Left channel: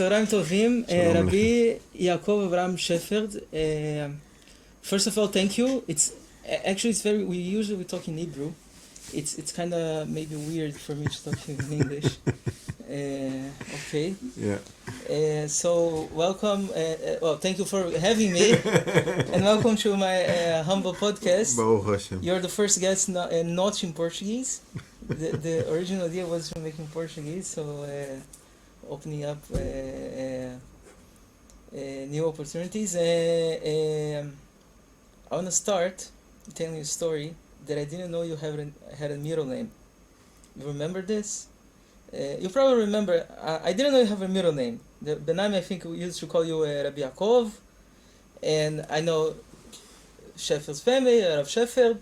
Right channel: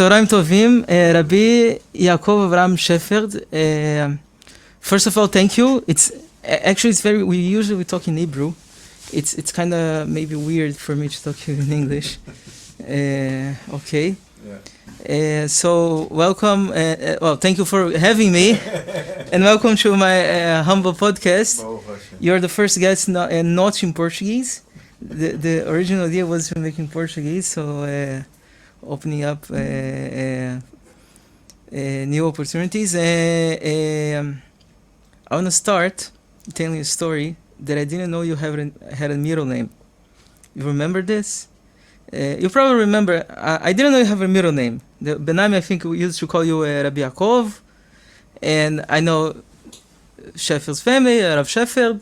צהריים טובים, Rabbi Yaakov Shepherd. First of all, thank you. It's very. We talk in Hebrew. It's kind of maybe weird for me to talk to you in English. Okay. Yeah. So welcome. Well, thank you for having me, and welcome to my humble podcast. You're the first guest not in Portuguese. The original idea was to make in Portuguese, so opening up new opportunities. I want to start telling you a story that I didn't know you had a middle name. You remember this? You probably remember. I didn't know you have a middle name. The Benami, I think we used to call you Rabbi Yaakov, and I know Shepherd's family, Rav Shepherd,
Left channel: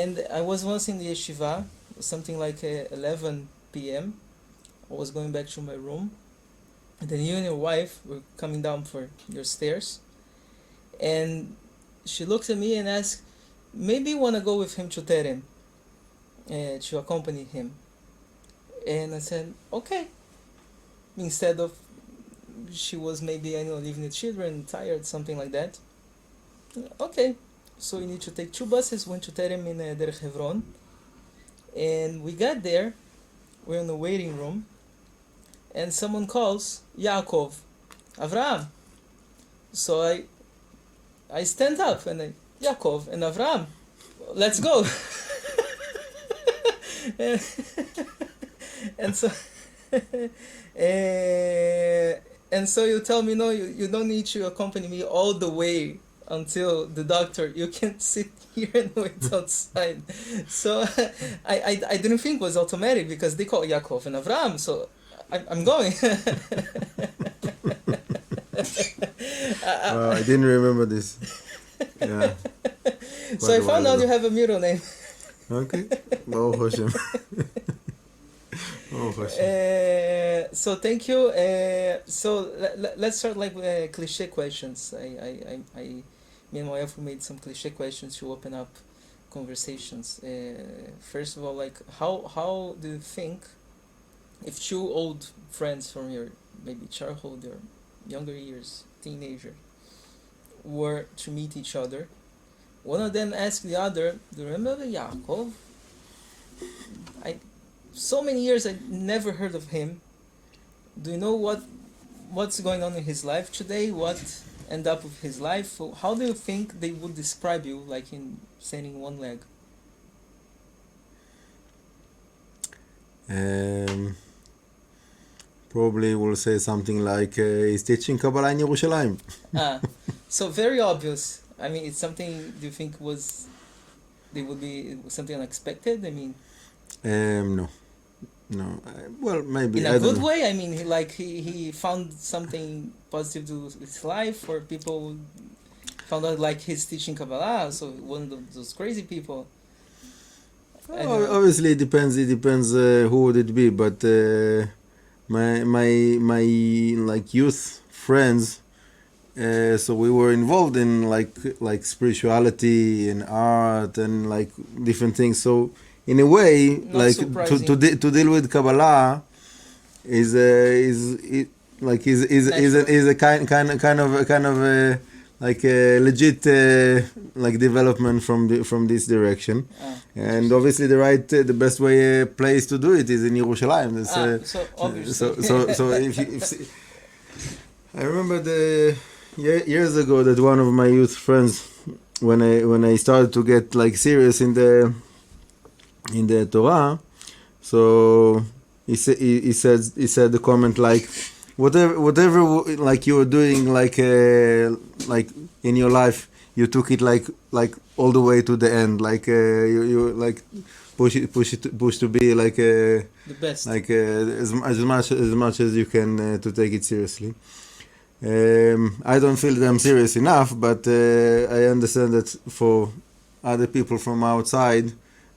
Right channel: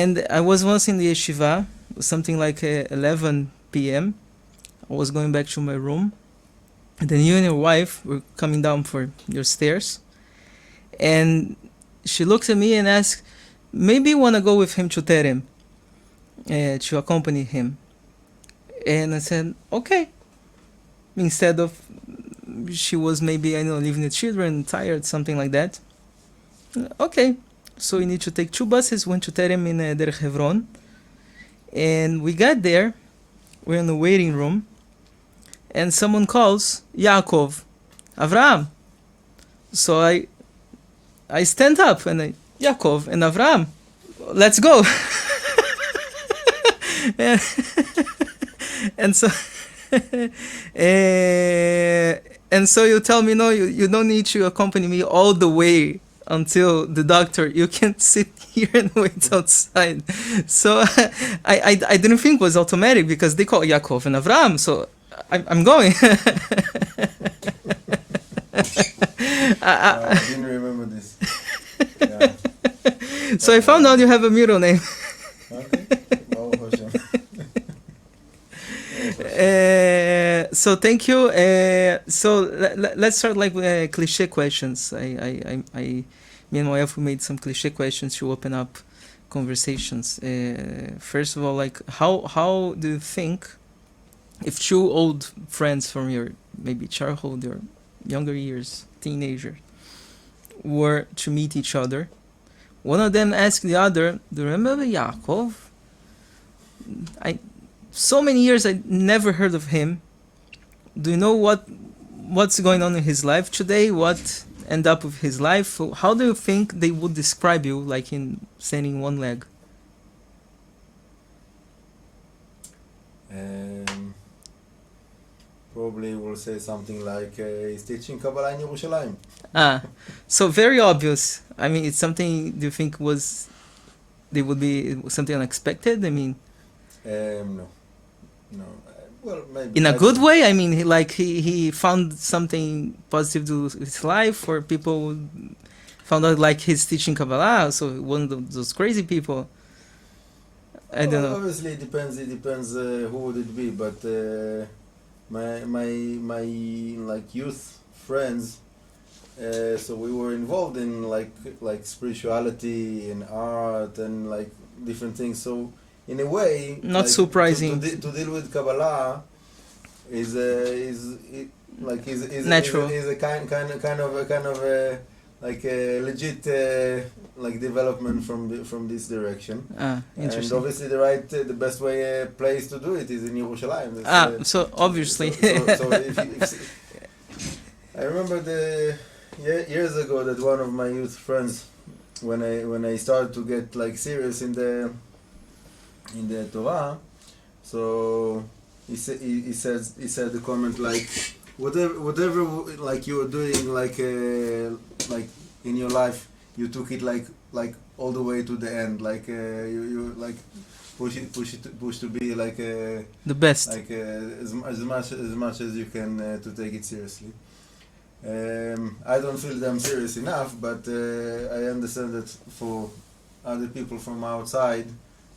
and I was once in the Yeshivat, something like 11 p.m. I was going back to my room, and then you and your wife were coming down for your stairs, and she looked at me and asked, maybe you want to go with him to Terem, to accompany him. And I said, okay. Instead of, she was maybe, leaving the children, tired, something like that. Okay. So we need to take 2 buses, went to Terem in Derech Hebron. And we got there, we're in the waiting room, and someone calls, Yaakov, Avraham. So I stand up and Yaakov and Avraham, let's go. And so and so you tell me, no, you don't need to accompany me all the way until the doctor. You can sit here and wait outside. So I didn't think it was automatic because they call Yaakov and Avraham, so I'm going. I didn't remember this. Yeah. So I found out you have a middle name. Okay. Baruch Hashem. So thank you. So let's start with cliche questions. Me and my wife, we made some cliche questions to open up conversations. First of all, how do you think if 2 old friends from your maybe childhood or younger years, teenager, were to meet each other, one of them asked the other, do you remember Yaakov? So many years I never heard of him. Do you know what's going on in his life today? What end up with his life? How do you think they would describe you, like in standing one leg? Probably will say something like he's teaching Kabbalah in Yerushalayim. So very obvious. I mean, it's something. Do you think they would be something unexpected? I mean, no. Well, maybe in a good way. I mean, he found something positive to his life, or people found out like he's teaching Kabbalah. So one of those crazy people. I don't know. Obviously, it depends. It depends who would it be, but my youth friends. So we were involved in like spirituality and art and like different things. So in a way, not surprising to deal with Kabbalah is a kind of like a legit like development from this direction. And obviously the best place to do it is in Yerushalayim. So obviously. So if I remember years ago that one of my youth friends, when I started to get like serious in the Torah, so he said the comment like whatever like you were doing like in your life, you took it like all the way to the end, like you like push to be like the best, like as much as you can to take it seriously. I don't feel that I'm serious enough, but I understand that for other people from outside,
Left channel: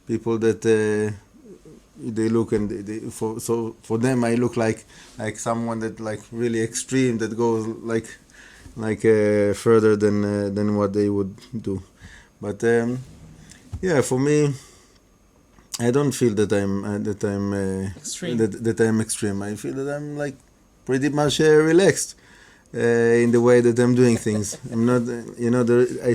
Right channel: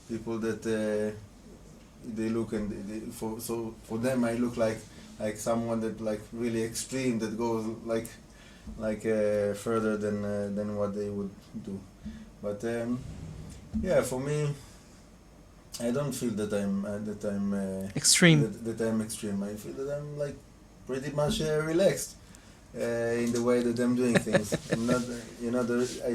people that they look and for them I look like someone that like really extreme, that goes like further than what they would do. But yeah, for me, I don't feel that I'm extreme. That I'm extreme. I feel that I'm like pretty much relaxed in the way that I'm doing things. I'm not, I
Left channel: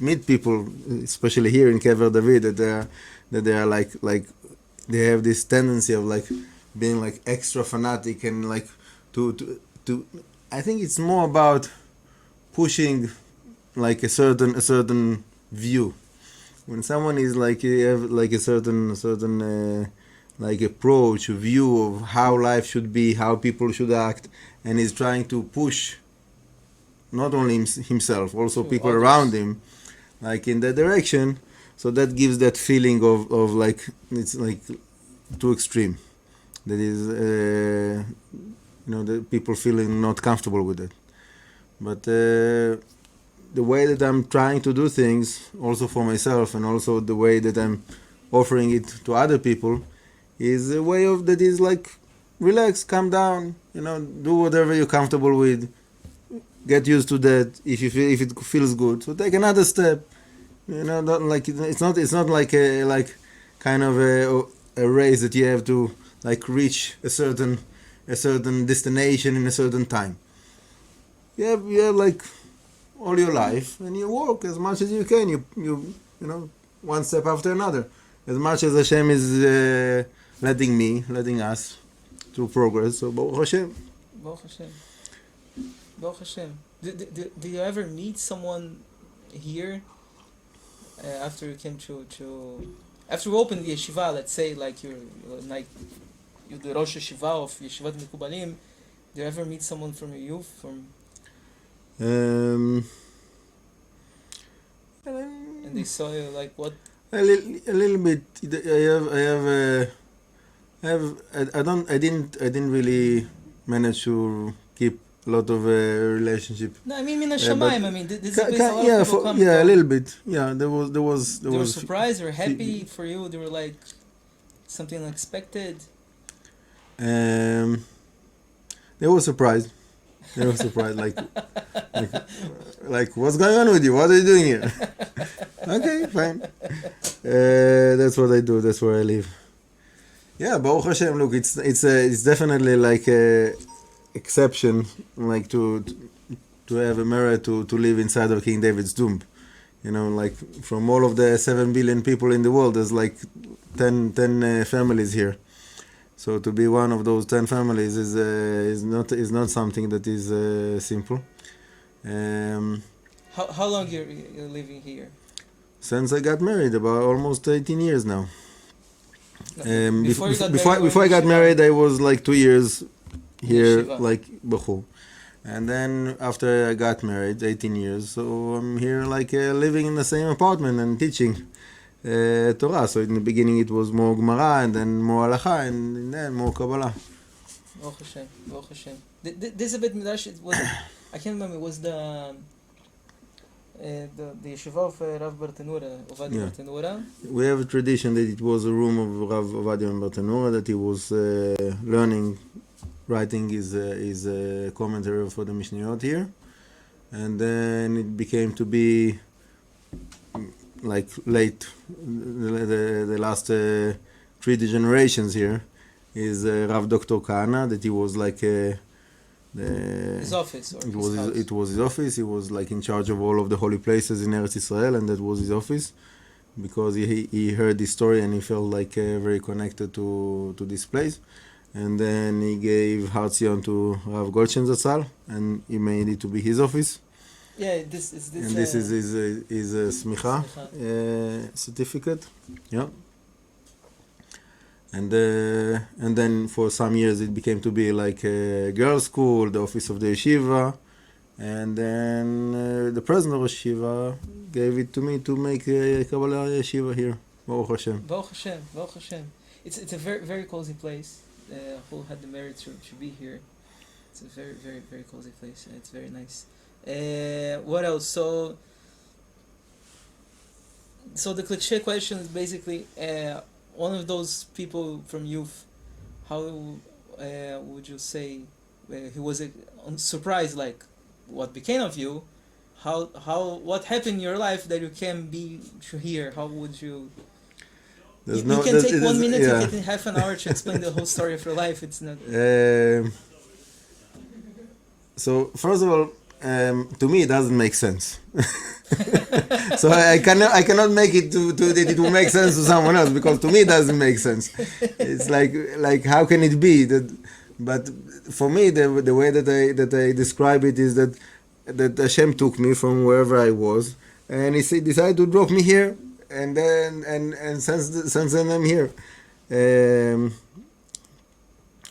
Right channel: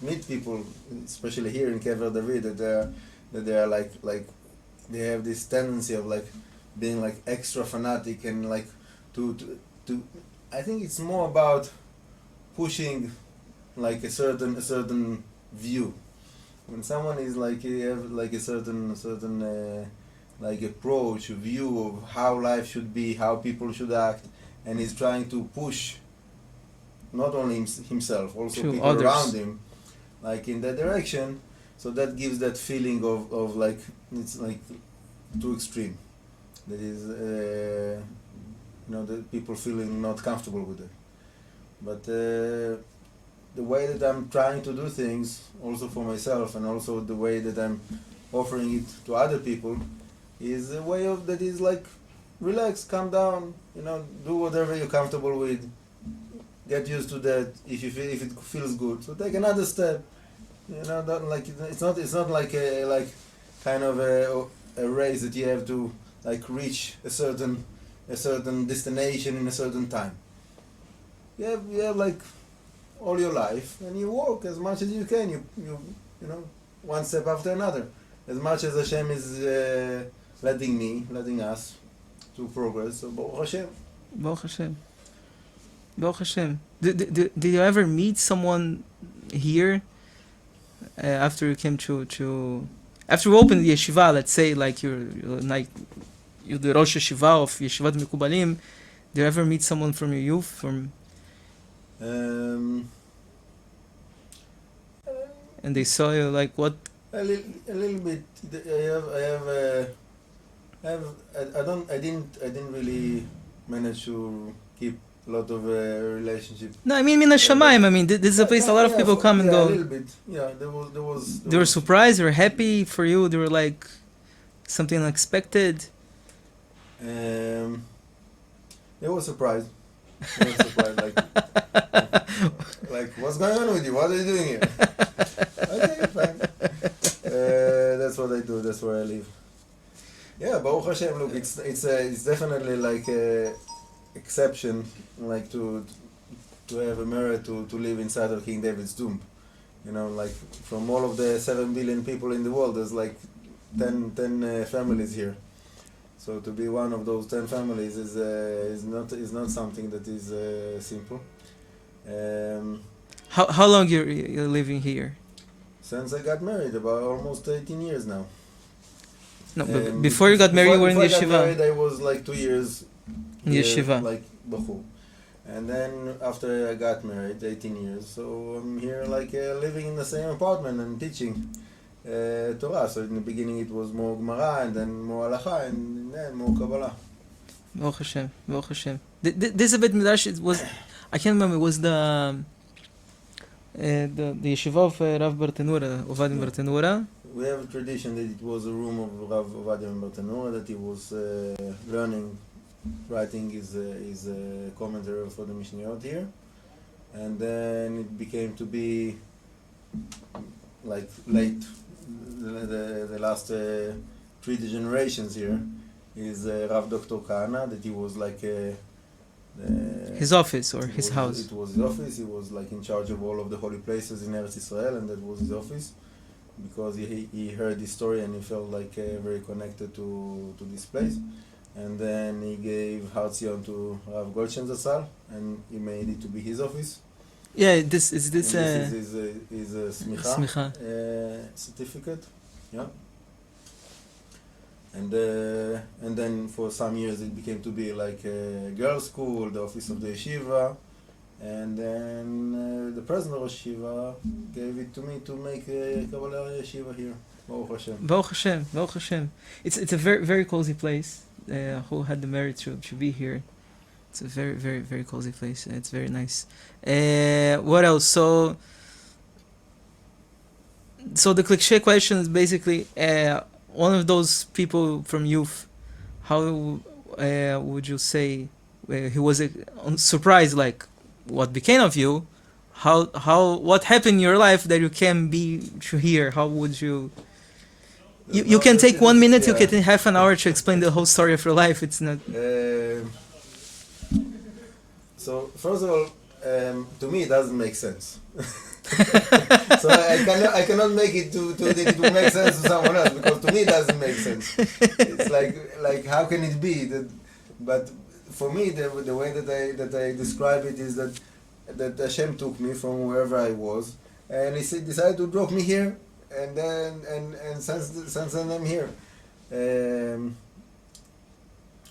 meet people, especially here in Kever David, that they are like they have this tendency of like being like extra fanatic and like to I think it's more about pushing like a certain view. When someone is like you have like a certain like approach, view of how life should be, how people should act, and he's trying to push not only himself, also to people others around him, like in that direction. So that gives that feeling of like it's like too extreme. That is, the people feeling not comfortable with it. But the way that I'm trying to do things, also for myself, and also the way that I'm offering it to other people, is a way of that is like relax, calm down, do whatever you're comfortable with, get used to that. If it feels good, so take another step. Not like it's not like a kind of a race that you have to like reach a certain destination in a certain time. You have like all your life, and you work as much as you can. You one step after another, as much as Hashem is letting us to progress. So Baruch Hashem. Baruch Hashem. Baruch Hashem. Did you ever meet someone here after you came to after you opened the yeshiva? Let's say like you're the Rosh Yeshiva of Yeshivat Hamekubalim. Did you ever meet someone from your youth from? And they saw you like what? A little bit. I didn't really manage to keep a lot of relationship. No, I mean Neshamot. I mean, this is a place a lot of people come and go. Yeah, a little bit. Yeah, there was. They were surprised. They were happy for you. They were like something unexpected. They were surprised. Like, what's going on with you? What are you doing here? Okay, fine. That's what I do. That's where I live. Yeah, Baruch Hashem. Look, it's definitely like a exception, like to have a merit to live inside of King David's tomb. Like from all of the 7 billion people in the world, there's like 10 families here. So to be one of those 10 families is not something that is simple. How long you're living here? Since I got married, about almost 18 years now. No, before you got married, before I got married, I was like 2 years here, Yeshiva. like Bechur. And then after I got married, 18 years, so I'm here like living in the same apartment and teaching Torah. So in the beginning it was more Gemara, and then more Halacha, and then more Kabbalah. Baruch Hashem, Baruch Hashem. This a bit midrash. It was, I can't remember. It was the yeshiva of Rav Bartenura, Ovadim Bartenura. We have a tradition that it was a room of Rav Ovadim Bartenura, that he was writing his commentary for the Mishnayot here, and then it became to be like late, the last 3 generations here is Rav Dr. Kahana, that he was like his office or his house. It was his office. He was like in charge of all of the holy places in Eretz Israel, and that was his office, because he heard this story and he felt like very connected to this place. And then he gave Har Zion to Rav Goldstein Zatzal, and he made it to be his office. Yeah, this is his smicha certificate. Yeah. And then for some years it became to be like a girls' school, the office of the yeshiva, and then the president of yeshiva gave it to me to make a Kabbalah yeshiva here. Baruch Hashem. Baruch Hashem. Baruch Hashem. It's a very very cozy place. Who had the merit to be here? It's a very very very cozy place. It's very nice. What else? So the cliché question is basically one of those people from youth. How would you say he was surprised? Like what became of you? What happened in your life that you can be here? How would you? You can take 1 minute, you can half an hour to explain the whole story of your life. It's not. So first of all, to me it doesn't make sense. So I cannot make it to that it will make sense to someone else, because to me it doesn't make sense. It's like how can it be that? But for me, the way that I describe it is that Hashem took me from wherever I was, and he decided to drop me here, and then and since then I'm here.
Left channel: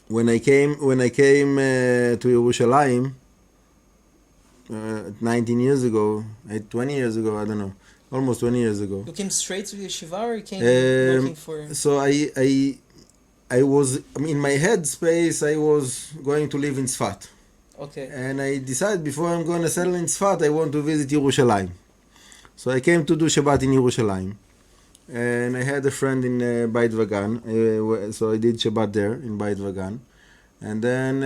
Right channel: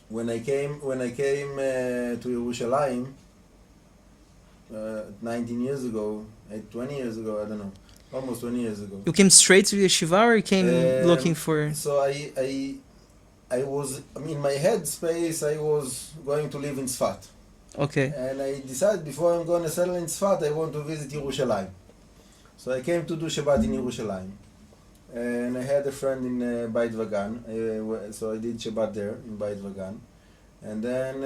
When I came to Yerushalayim 19 years ago, 20 years ago, I don't know, almost 20 years ago. You came straight to Yeshiva, or you came looking for... So I was, in my head space, I was going to live in Tzfat. Okay. And I decided before I'm going to settle in Tzfat, I want to visit Yerushalayim. So I came to do Shabbat in Yerushalayim. And I had a friend in Beit Vagan, so I did Shabbat there in Beit Vagan. And then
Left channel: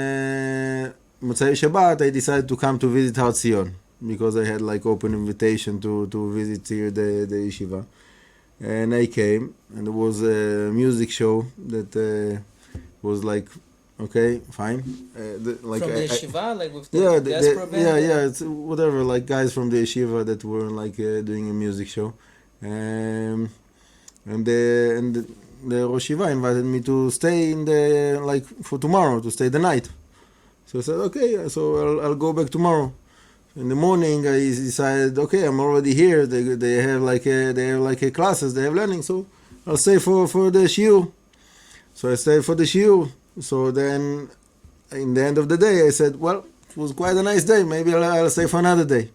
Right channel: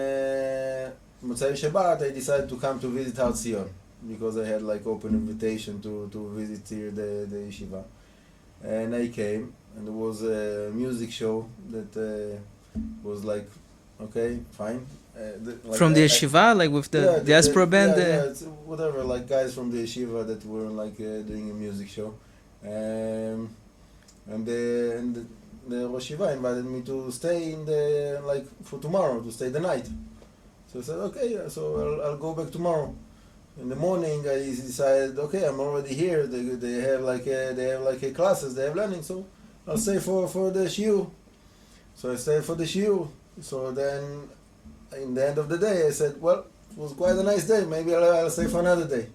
Motzai Shabbat, I decided to come to visit Har Zion, because I had like open invitation to visit here the yeshiva. And I came, and there was a music show that was like, okay, fine. From the yeshiva, like with the diaspora band? Yeah, it's whatever, like guys from the yeshiva that were like doing a music show. And the Rosh Yeshiva invited me to stay in the, like, for tomorrow, to stay the night. So I said, okay, so I'll go back tomorrow. In the morning, I decided, okay, I'm already here. They have like a classes, they have learning, so I'll stay for the shiur. So I stayed for the shiur. So then, in the end of the day, I said, well, it was quite a nice day. Maybe I'll stay for another day.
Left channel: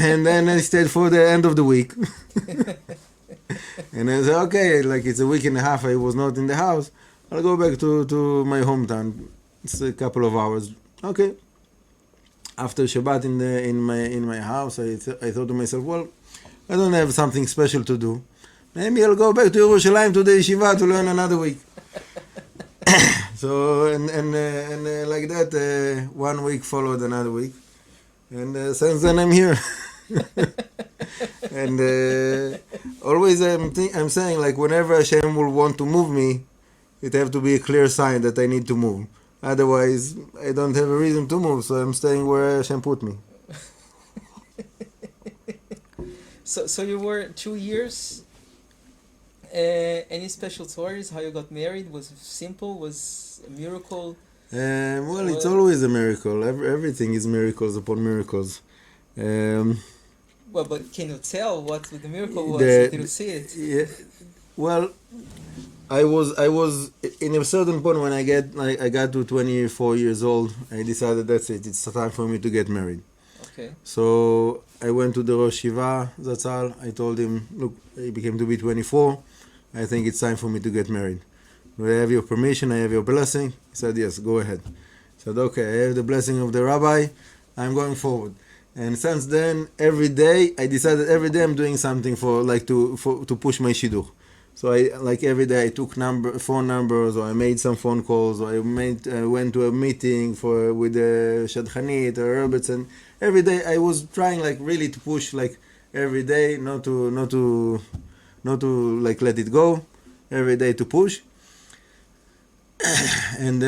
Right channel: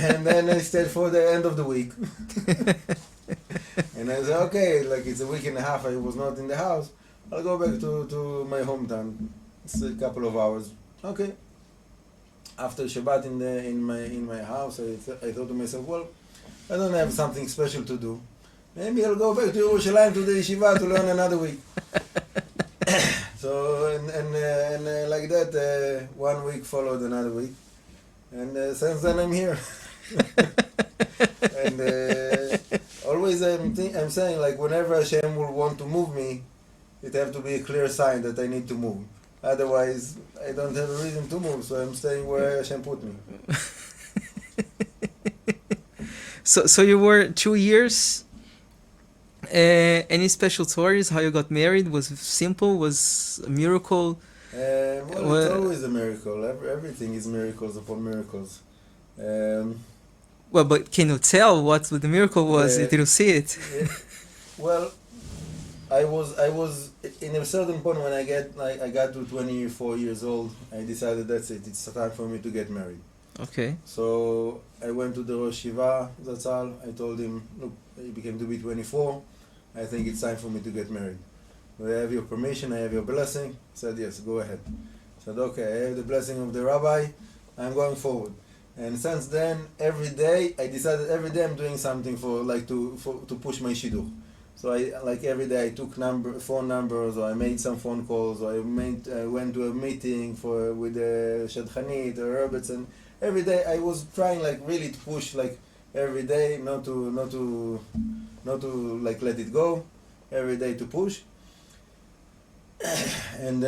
And then I stayed for the end of the week. And I said, okay, like it's a week and a half I was not in the house. I'll go back to my hometown. It's a couple of hours. Okay. After Shabbat in my house, I thought to myself, well, I don't have something special to do. Maybe I'll go back to Yerushalayim to the yeshiva to learn another week. So and like that, 1 week followed another week, and since then I'm here. And always I'm saying, like, whenever Hashem will want to move me, it have to be a clear sign that I need to move. Otherwise, I don't have a reason to move, so I'm staying where Hashem put me. So you were 2 years. Any special stories? How you got married? Was it simple? Was a miracle? Well, it's always a miracle. Everything is miracles upon miracles. Well, but can you tell what the miracle was? Did you see it? Yeah. Well, I was in a certain point when I got to 24 years old. I decided that's it. It's time for me to get married. Okay. So I went to the Rosh Yeshiva, that's all. I told him, look, he became to be 24. I think it's time for me to get married. Do I have your permission? I have your blessing? He said, yes, go ahead. I said, okay, I have the blessing of the rabbi. I'm going forward. And since then, every day, I decided every day I'm doing something to push my shidduch. So every day I took phone numbers, or I made some phone calls, or I went to a meeting with the Shadchanit or Roberts, and every day I was trying really to push every day, not to let it go, every day to push. And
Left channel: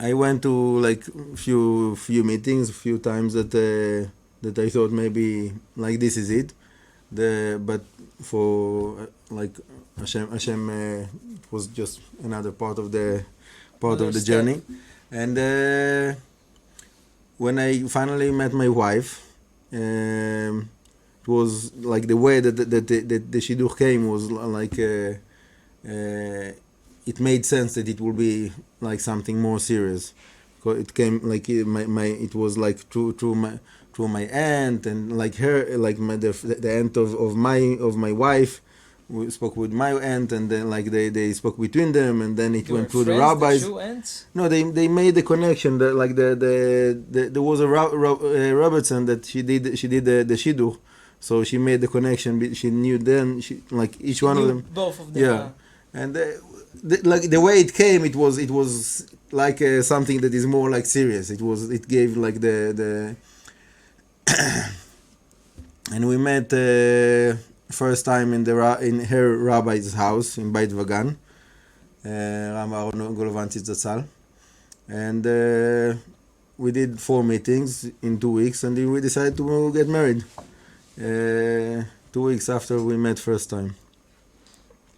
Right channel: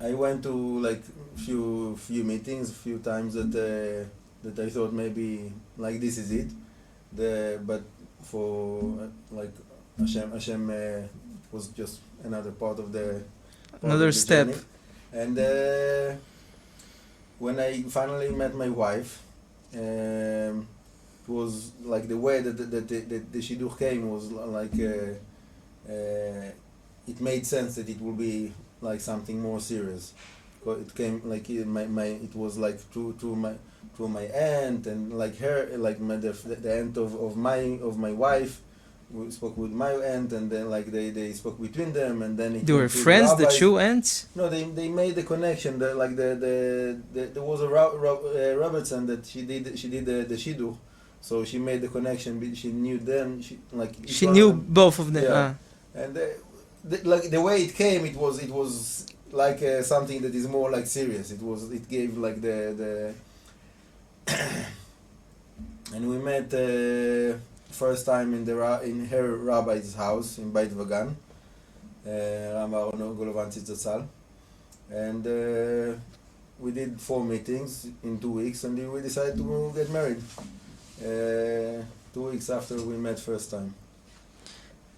I went to few meetings, a few times that I thought maybe this is it. But for Hashem was just another part of the journey. And when I finally met my wife, it was the way that the shidduch came was it made sense that it will be something more serious. It came it was through my aunt and her, the aunt of my wife. We spoke with my aunt, and then they spoke between them, and then it They were went through friends, the rabbis. the two aunts? No, they made the connection. There was a Robertson that she did the shidduch, so she made the connection. She knew them. Each She one knew of them. both of them. Yeah. And the way it came, it was something that is more serious. It gave the and we met first time in her rabbi's house in Beit Vagan, Ram Golovantzitz Zatzal, and we did 4 meetings in 2 weeks, and then we decided to get married 2 weeks after we met first time.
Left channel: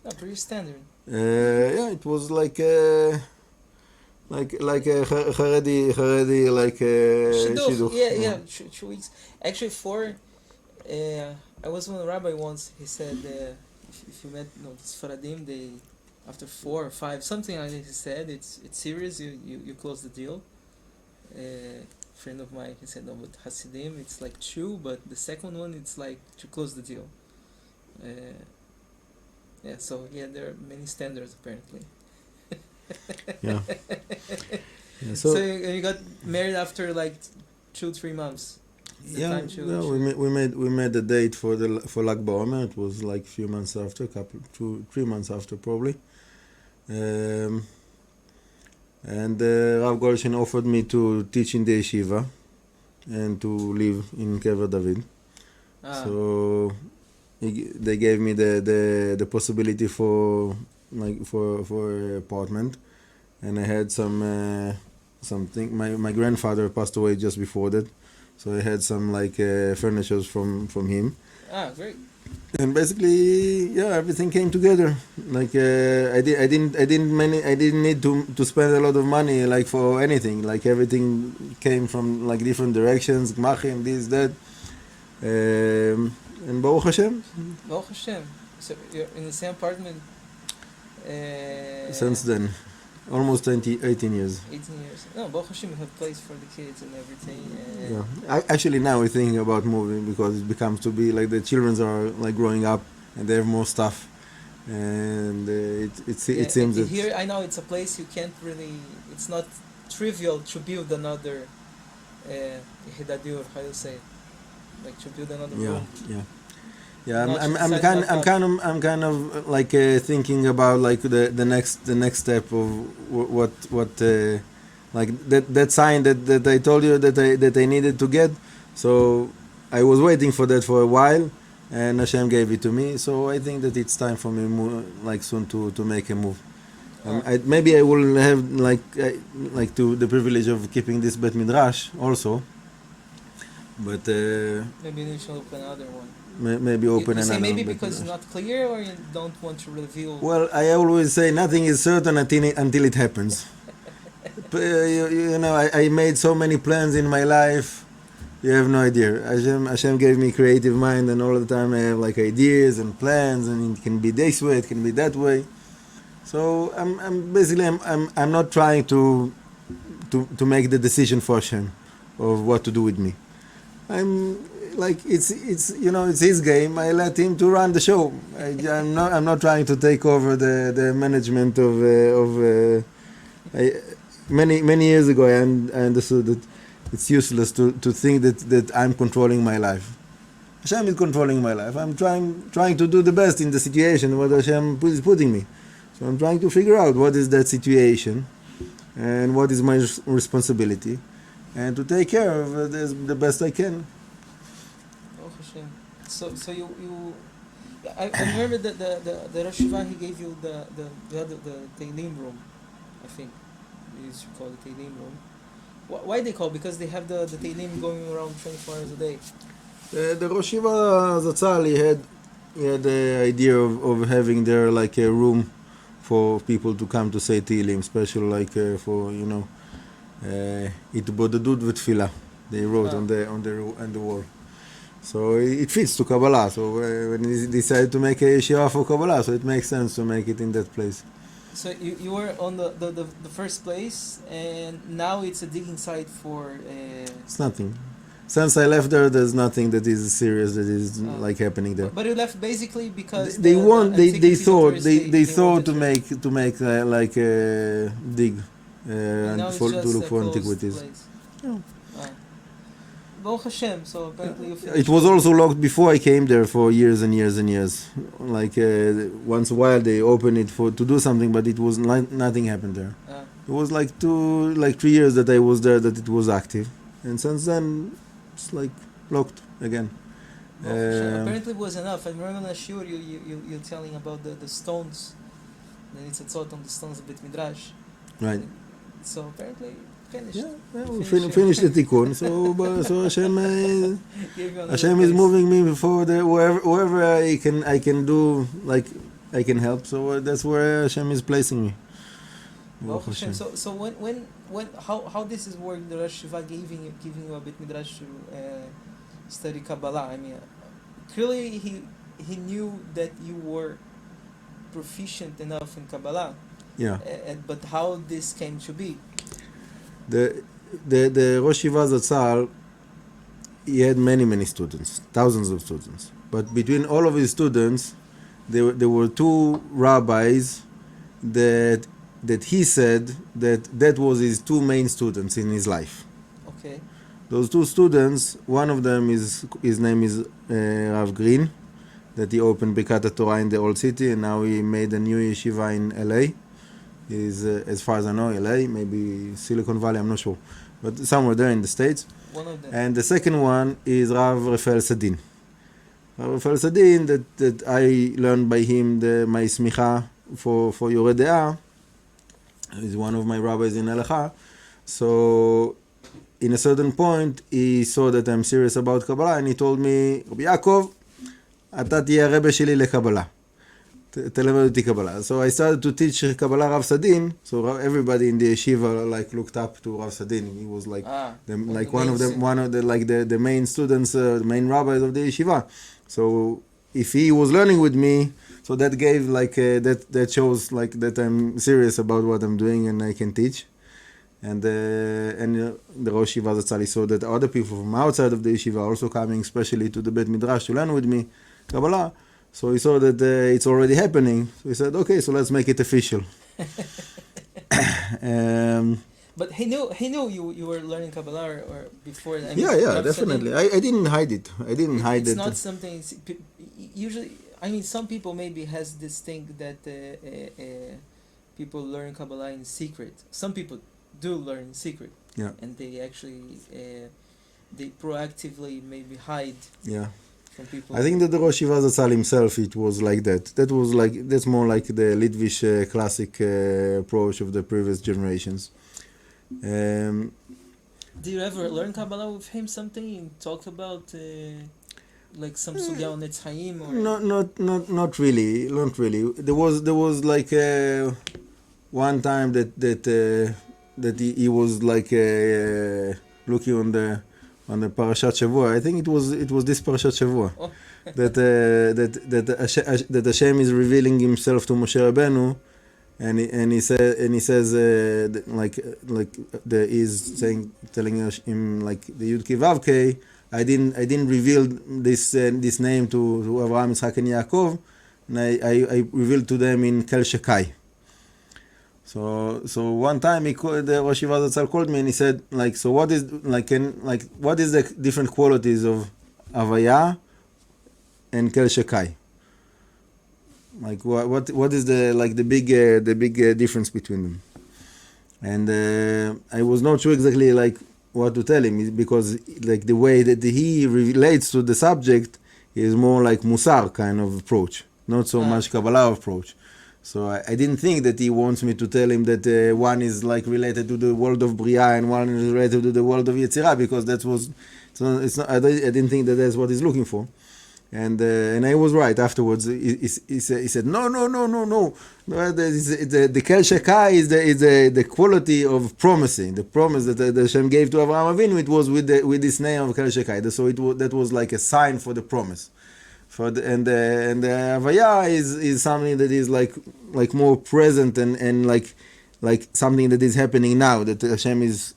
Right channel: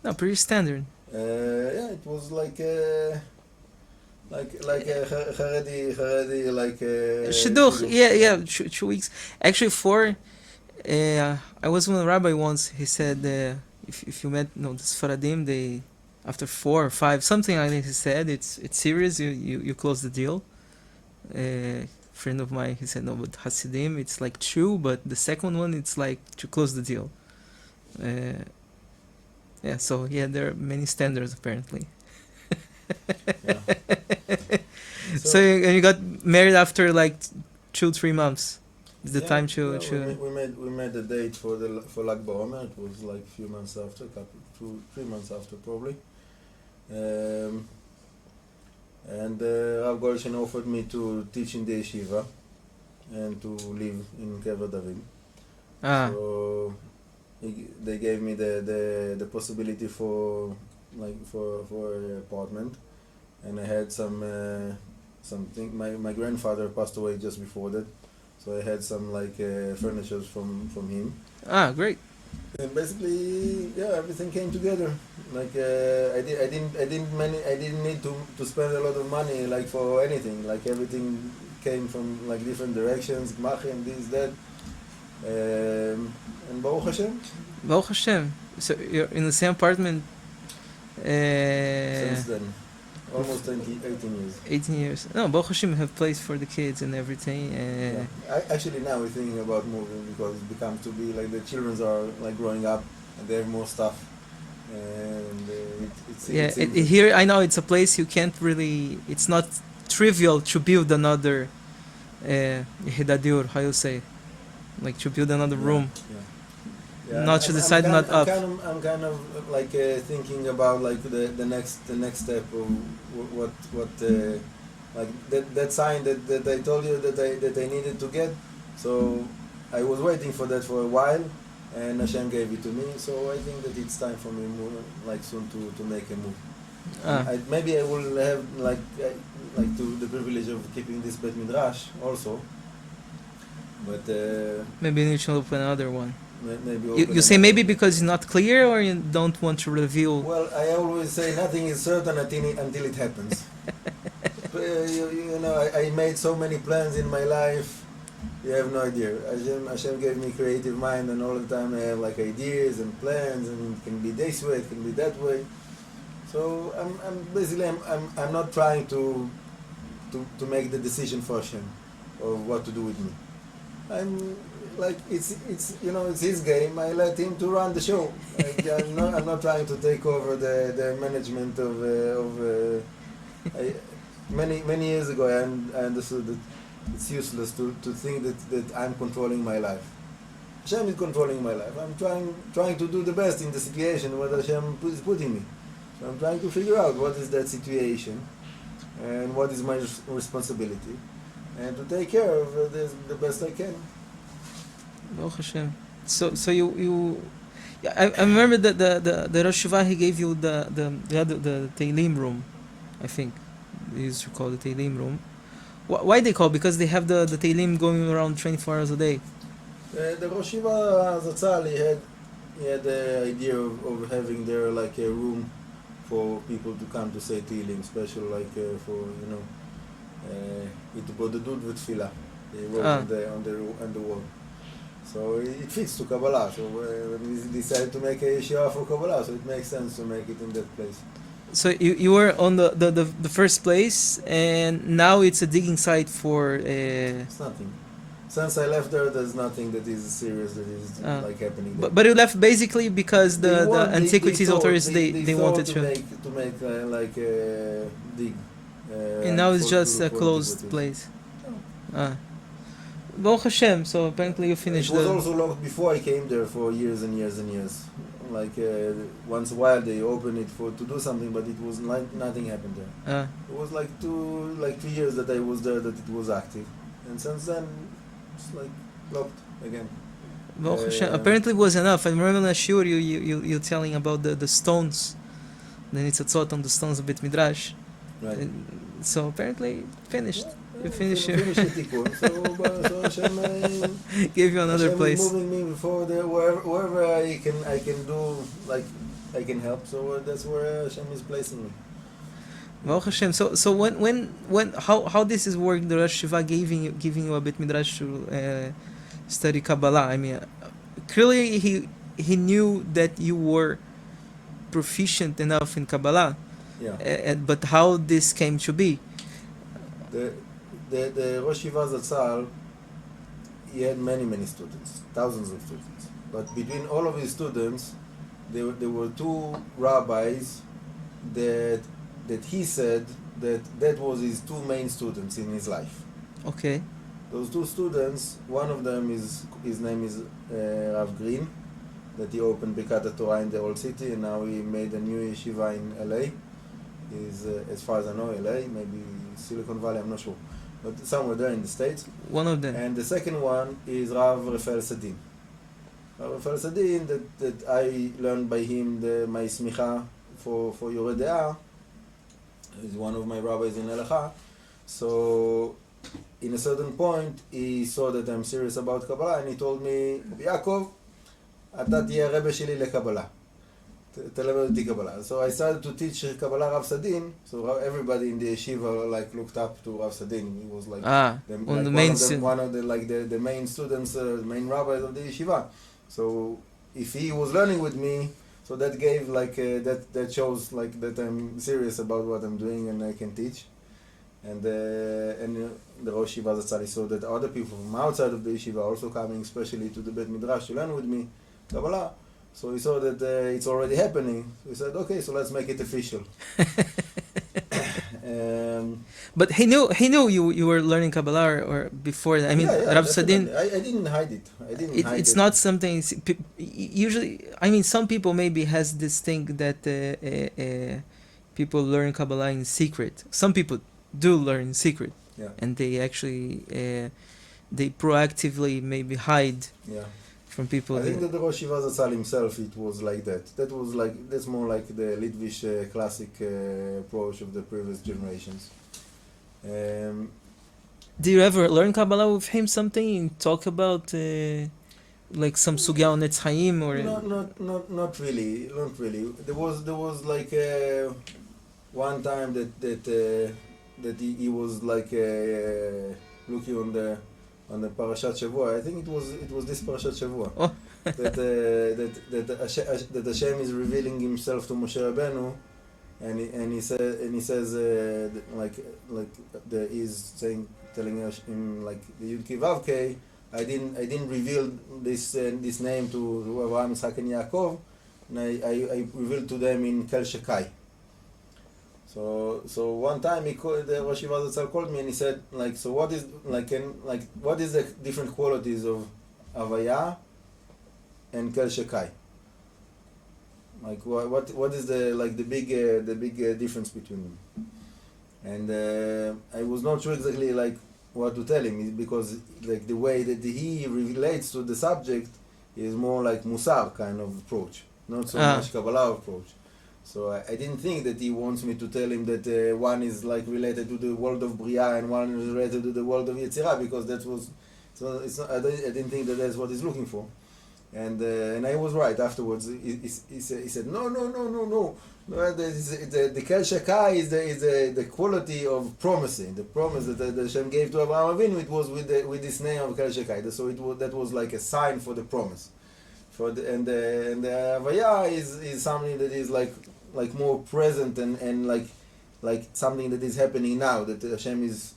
No, pretty standard. Yeah, it was like a Haredi like Shidduch, yeah, yeah. 2 weeks. Actually, 4. I was with a rabbi once. He said, if you met, the Sfaradim, they after 4 or 5, something like that. He said it's serious. You close the deal. Friend of mine, he said no, but Hasidim, it's like 2, but the second one, it's like to close the deal. Yeah, so yeah, there are many standards apparently. Yeah. So and you got married after like 2-3 months. Is the time to? We made the date for Lag BaOmer. It was like a few months after, 2-3 months after probably. And Rav Goldstein offered me to teach in the Yeshiva and to live in Kever David. So they gave me the possibility for an apartment, and I had something. My grandfather passed away just before that, so I had some furniture from him. Great. And basically, yeah, everything came together. I didn't need to spend a lot of money for anything. Everything came from different directions, gmachim, this, that. And Baruch Hashem. Baruch Hashem. So you're in the same apartment. Since then, almost 18 years. 18 years. No, Baruch Hashem, you have place for the kids and everything. Actually, now we're thinking about moving because it becomes to be the children are growing up and they have more stuff, and it seems here I know it's a place you can't really. It's not trivial to build another Yehidat Diur, how you say, to build another room. Yeah, I'm kind of thinking about the next step of what that sign that I told you that I needed to get. So I was waiting for that for a while, and Hashem gave it to me. So I think that it's time for me soon to make a move. Maybe I will have the privilege of keeping this Bet Midrash also, but maybe you should open another one. Maybe open. You say maybe because it's not clear, or you don't want to reveal. Well, I always say nothing is certain until it happens. I made so many plans in my life. You have no idea. Hashem gave me creative mind, and all the time I have ideas and plans, and it can be this way, it can be that way. So I'm not trying to make the decision for Hashem of what to do with me. It's his game. I let him to run the show. I'm not trying to take over the management of many years ago. I understood that it's useless to think that I'm controlling my life. Hashem is controlling my life. I'm trying to do the best in the situation what Hashem is putting me. So I'm trying to figure out what is that situation and what is my responsibility, and to take care of the best I can. Baruch Hashem. So you I remember that the Rosh Yeshiva, he gave you the Teilim room, I think they used to call the Teilim room. Why they call? Because they have the Teilim going around 24 hours a day. The Rosh Yeshiva Zatzal, he had the idea of having there a room for people to come to say Teilim, special for Itbodedut v'Tfilah. They wrote on the wall. So it fits to Kabbalah. So when he decided to make a yeshiva for Kabbalah, so it makes sense to make it in that place. So you were on the first place, and now it's a digging site for. It's nothing. Since I left there, there's nothing that is serious that is happening there. But you left basically because the antiquities authorities they thought to make a dig. And now it's just a closed place. Baruch Hashem, so apparently you finished. It was also locked before I came there for years and years and years. Once a while they opened it to do something, but it was nothing happened there. It was 3 years that I was there that it was active, and since then it's locked again. Baruch Hashem. Apparently it was enough. I remember in Ashur you telling about the stones. Then it's a thought on the stones of Bet Midrash. Right. So apparently finished. Yeah, We we finished. finish the tikkun. So Hashem, Give you another Hashem place. is moving me before wherever I can do, like I can help. So that's where Hashem is placing me. Baruch Hashem. So when how this is working? The Rosh Yeshiva giving you a bit midrash to study Kabbalah. I mean, clearly he knew that you were proficient enough in Kabbalah. Yeah. But how this came to be? The Rosh Yeshiva Zatzal, he had many students, thousands of students. But between all of his students, there were two rabbis that he said that was his two main students in his life. Okay. Those two students, one of them his name is Rav Green, that he opened Birkat Torah in the old city, and now he made a new yeshiva in LA. Is as far as I know, LA, maybe Silicon Valley, I'm not sure, but somewhere there in the States. One of them. And the second one is Rav Rafael Sadin. Rav Rafael Sadin, that I learned by him my smicha for Yoreh De'ah. He's one of my rabbis in Halacha. So in a certain point, he saw that I'm serious about Kabbalah, and he told me, Rav Yaakov, אתה תהיה הרבי שלי לקבלה. תלמד אותי קבלה. So I started to teach Kabbalah Rav Sadin. So everybody in the yeshiva looked up to Rav Sadin. He was like one of the main students, the main rabbis of the yeshiva. So if he was learning with me, so that gave that shows that I'm serious about what I'm doing and I can teach. And the Rosh Yeshiva Zatzal saw that other people from outside of the yeshiva are also coming, especially to the Bet Midrash, to learn with me Kabbalah. So he saw that it's already happening. So he said, okay, so let's make it official. But he knew you were learning Kabbalah or before that. I mean, yeah, Rav definitely. Sadin, I didn't hide it. It's not something. Usually, I mean, some people maybe has this thing that people learn Kabbalah in secret. Some people do learn in secret. Yeah. And they actually they proactively maybe hide. Yeah. From people. I think that the Rosh Yeshiva Zatzal himself, it was like that. That's more like the Litvish classic approach of the previous generations. Do you ever learn Kabbalah with him something and talk about like some sugya on Etz Chaim or? Not really. There was like one time that he was like looking on the Parashat Shavua. I think it was this Parashat Shavua. Oh. that Hashem is revealing himself to Moshe Rabbeinu, and he says he's telling him like the Yud Kei Vav Kei, I didn't reveal this name to Avraham, Yitzchak, and Yaakov, and I revealed to them in Kel Shekai. So one time the Rosh Yeshiva Zatzal called me and he said so what is the different qualities of Avaya and Kel Shekai? What is the big difference between them? And I was not sure exactly what to tell him, because the way that he relates to the subject is more like Musar kind of approach, not so much Kabbalah approach. So I didn't think that he wants me to tell him that one is related to the world of Bria and one is related to the world of Yetzirah, because I didn't think that that's what he's looking for. And I was right afterwards. He said no. The Kel Shekai is the quality of promising. The promise that Hashem gave to Avraham Avinu, it was with this name of Kel Shekai. So that was like a sign for the promise. And the Havaya is something that is like more present and like something that is happening now, that Hashem is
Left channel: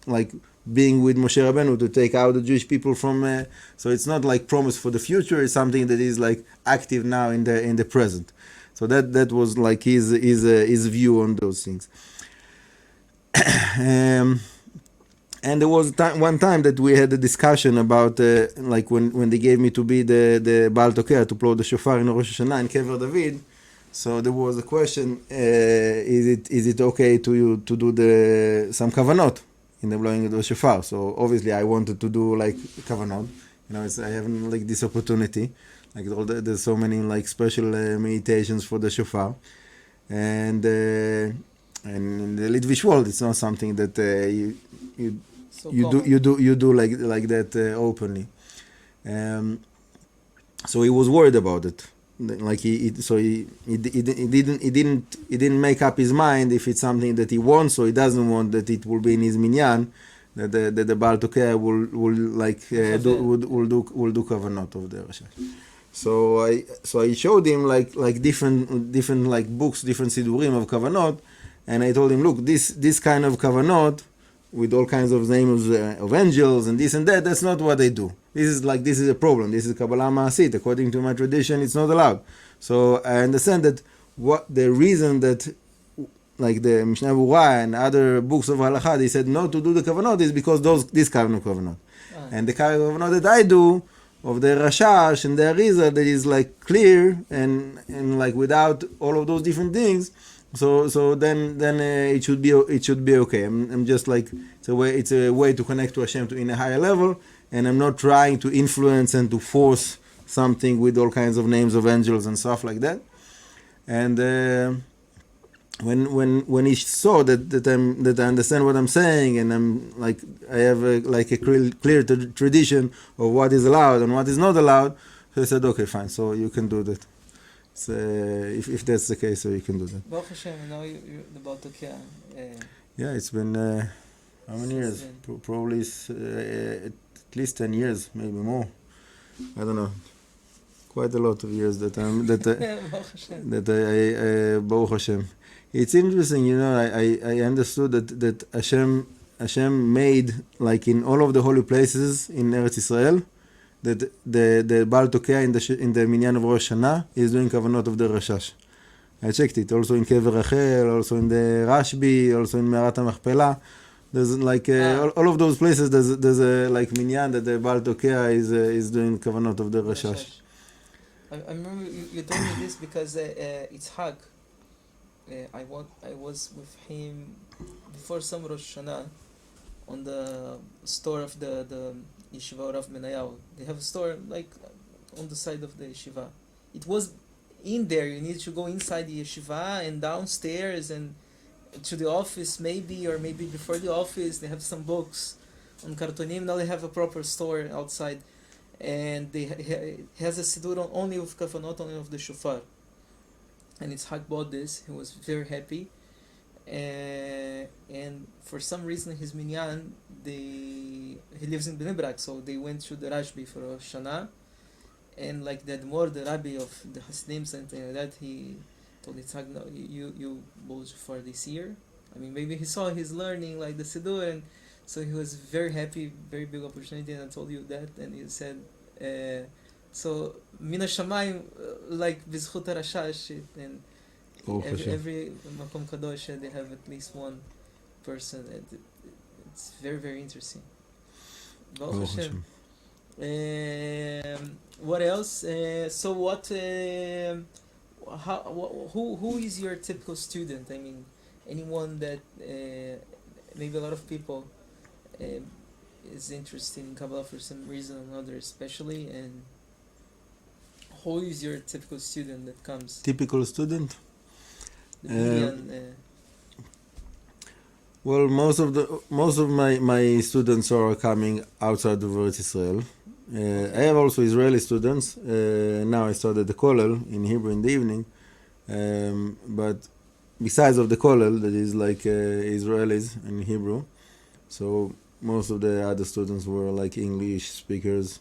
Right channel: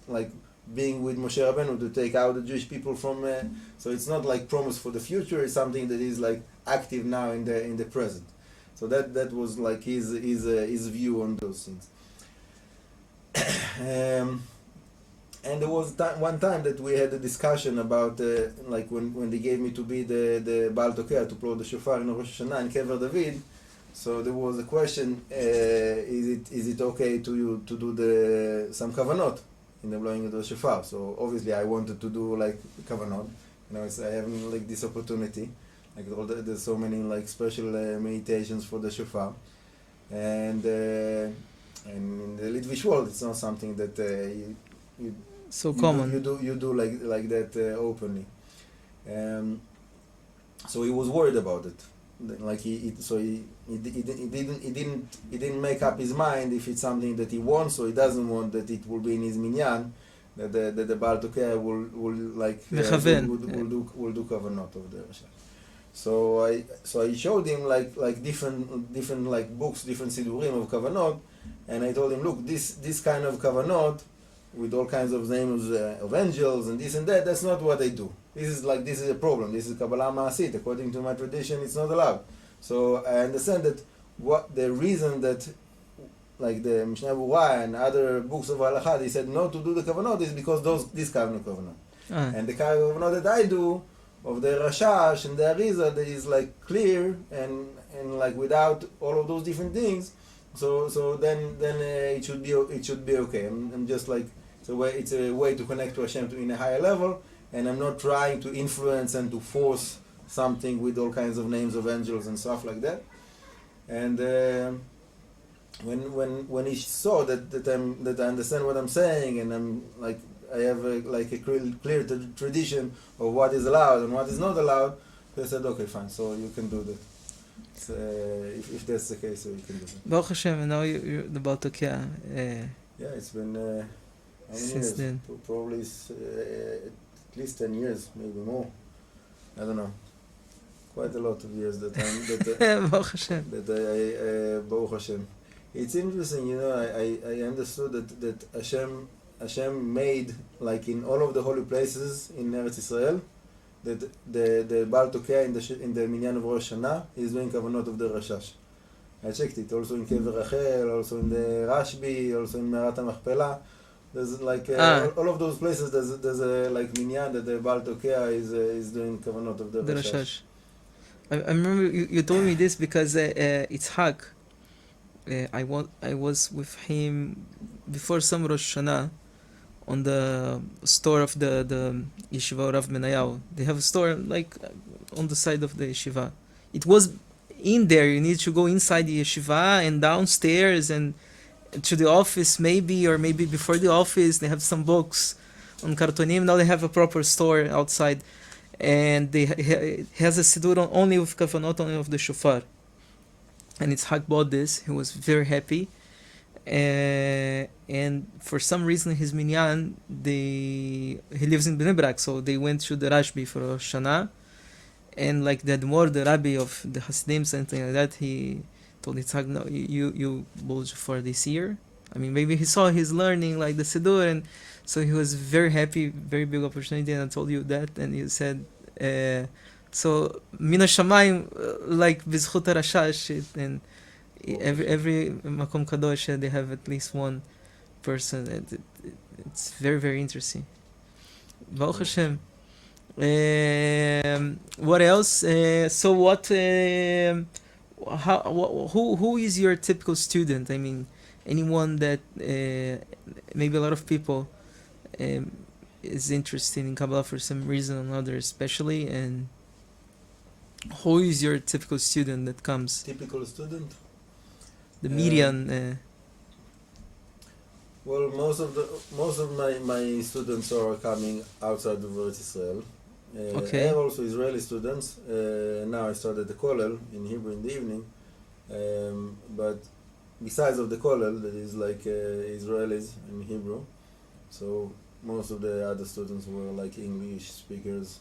being with Moshe Rabbeinu to take out the Jewish people from. So it's not like promise for the future. It's something that is active now in the present. So that was his view on those things. And there was one time that we had a discussion about when they gave me to be the Baal Tokea, to blow the shofar in Rosh Hashanah in Kever David. So there was a question: is it okay to you to do some kavanot in the blowing of the shofar? So obviously I wanted to do kavanot. I have this opportunity. There's so many special meditations for the shofar, and and in the Litvish world, it's not something that So common. you do like that openly. So he was worried about it. Like he didn't make up his mind if it's something that he wants, or he doesn't want that it will be in his minyan, that the Baal Tokea will do kavanot of the Rashash. So I showed him like different like books, different sidurim of kavanot, and I told him, look, this kind of kavanot with all kinds of names of angels and this and that, that's not what they do. This is a problem. This is Kabbalah Ma'asit. According to my tradition, it's not allowed. So I understand that what the reason that like the Mishnah Berurah and other books of Halacha, they said not to do the kavanot is because this kind of kavanot. And the kind of kavanot that I do of the Rashash and the Arizal, that is like clear and like without all of those different things. So then it should be okay. I'm just like it's a way to connect to Hashem in a higher level, and I'm not trying to influence and to force something with all kinds of names of angels and stuff like that. And when he saw that I understand what I'm saying, and I'm like I have a clear tradition of what is allowed and what is not allowed, so I said, okay, fine, so you can do that. If that's the case, so you can do that. Baruch Hashem, and now you're the Baal Tokea. Yeah, it's been how many years? Then. Probably at least 10 years, maybe more. I don't know. Quite a lot of years that Baruch Hashem. Baruch Hashem. It's interesting, I understood that Hashem made, like in all of the holy places in Eretz Israel, that the Baal Tokea in the minyan of Rosh Hashanah is doing kavanot of the Rashash. I checked it. Also in Kever Rachel, also in the Rashbi, also in Me'arat HaMachpelah. There's like all of those places. There's a like minyan that the Baal Tokea is doing kavanot of the Rashash. I remember you told me this because it's Hag. I was with him before some Rosh Hashanah on the store of the Yeshiva Rav Menayahu. They have a store like on the side of the Yeshiva. It was in there. You need to go inside the Yeshiva and downstairs and to the office maybe, or maybe before the office. They have some books on kartonim. Now they have a proper store outside, and it has a siddur only with kavanot, only of the shofar. And Yitzhak bought this. He was very happy. And for some reason his minyan, he lives in Bnei Brak, so they went to the Rashbi for Rosh Hashanah, and like the Admor, the Rabbi of the Hasidim, something like that, he told Yitzhak, no, you bowled for this year. I mean, maybe he saw he's learning like the Siddur, and so he was very happy, very big opportunity, and I told you that, and he said, so Mina Shamayim, like Bizchut HaRashash, and every Makom Kadosh, they have at least one person. It's very, very interesting. Baruch Hashem. What else? So what? Who is your typical student? I mean, anyone that maybe a lot of people is interested in Kabbalah for some reason or another, especially. And who is your typical student that comes? Typical student. The median. Well, most of my students are coming outside of Eretz Israel. Okay. I have also Israeli students. Now I started the kollel in Hebrew in the evening. But besides of the kollel, that is like Israelis in Hebrew. So most of the other students were like English speakers,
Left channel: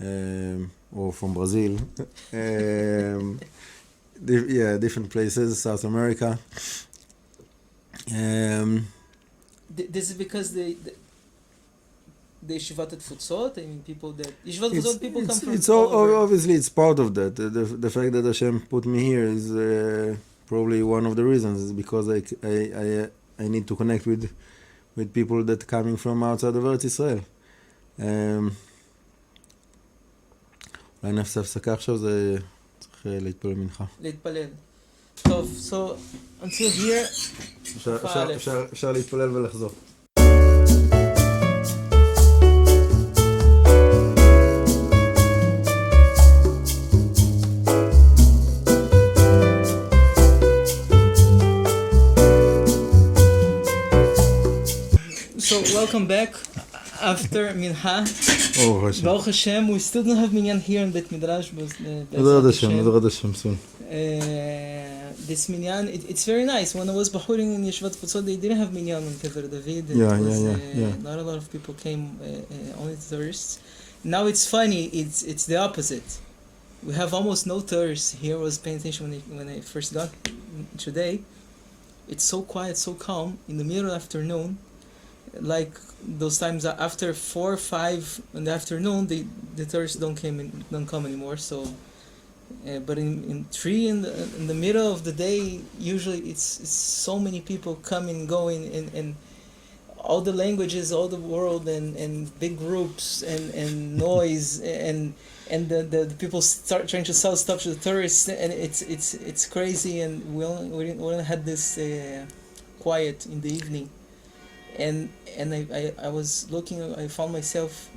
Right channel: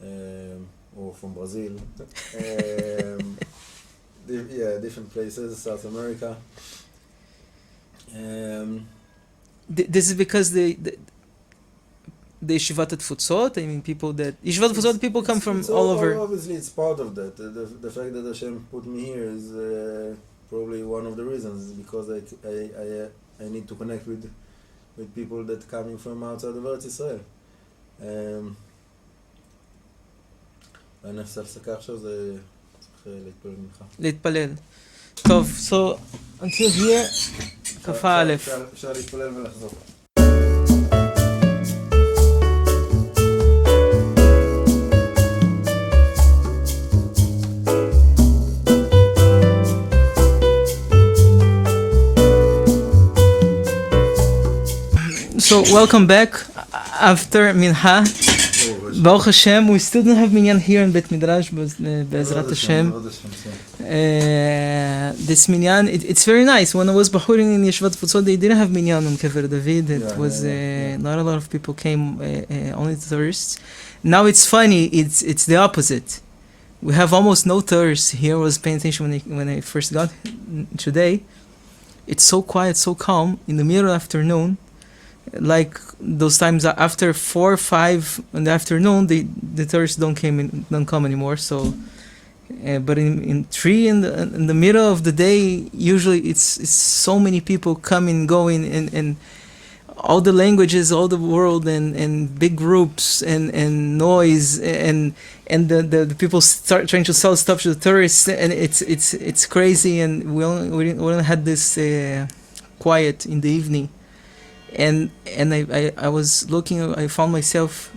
or from Brazil. Different places, South America. This is because the Yeshivat Tfutzot. I mean, people that Yeshivat Tfutzot people come from all over. Obviously, it's part of that. The fact that Hashem put me here is probably one of the reasons. Is because I need to connect with people that coming from outside of Eretz Israel. אולי נעשה הפסקה עכשיו, זה צריך להתפלל מנחה. להתפלל. טוב, so until here, כ"א. אפשר להתפלל ולחזור. welcome back after Minha. Baruch Hashem, we still don't have minyan here in Bet Midrash, but Be'ezrat Hashem. This minyan, it's very nice. When I was bahurim in Yeshivat Futzot, they didn't have minyan on Kever David. It was not a lot of people came, only tourists. Now it's funny. It's the opposite. We have almost no tourists here. I was paying attention when I first got today. It's so quiet, so calm in the middle of the afternoon. Like those times after 4 or 5 in the afternoon, the tourists don't come anymore. So, but in 3 in the middle of the day, usually it's so many people coming, going, and all the languages, all the world, and big groups and noise and the people start trying to sell stuff to the tourists, and it's crazy. And we only had this quiet in the evening. And I was looking, I found myself,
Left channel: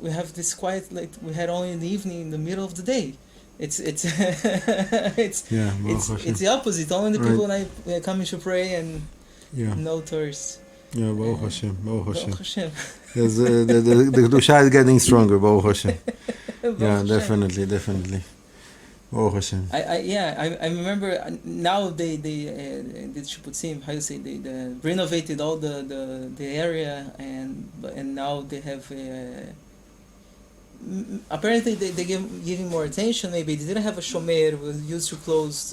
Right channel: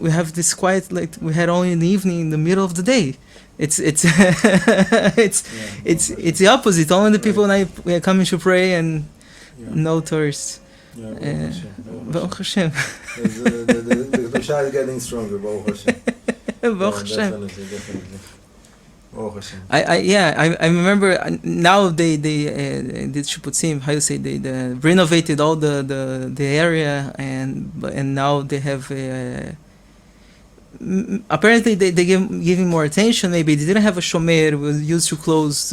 we have this quiet like we had only in the evening, in the middle of the day. It's it's the opposite. Only the people we are coming to pray, and no tourists. Yeah, Baruch Hashem. Baruch Hashem. The Kedusha is getting stronger, Baruch Hashem. Baruch Hashem. Definitely. Baruch Hashem. I remember now they did Shipputzim, how you say, they renovated all the area, and now they have apparently they giving more attention. Maybe they didn't have a shomer. It was used to close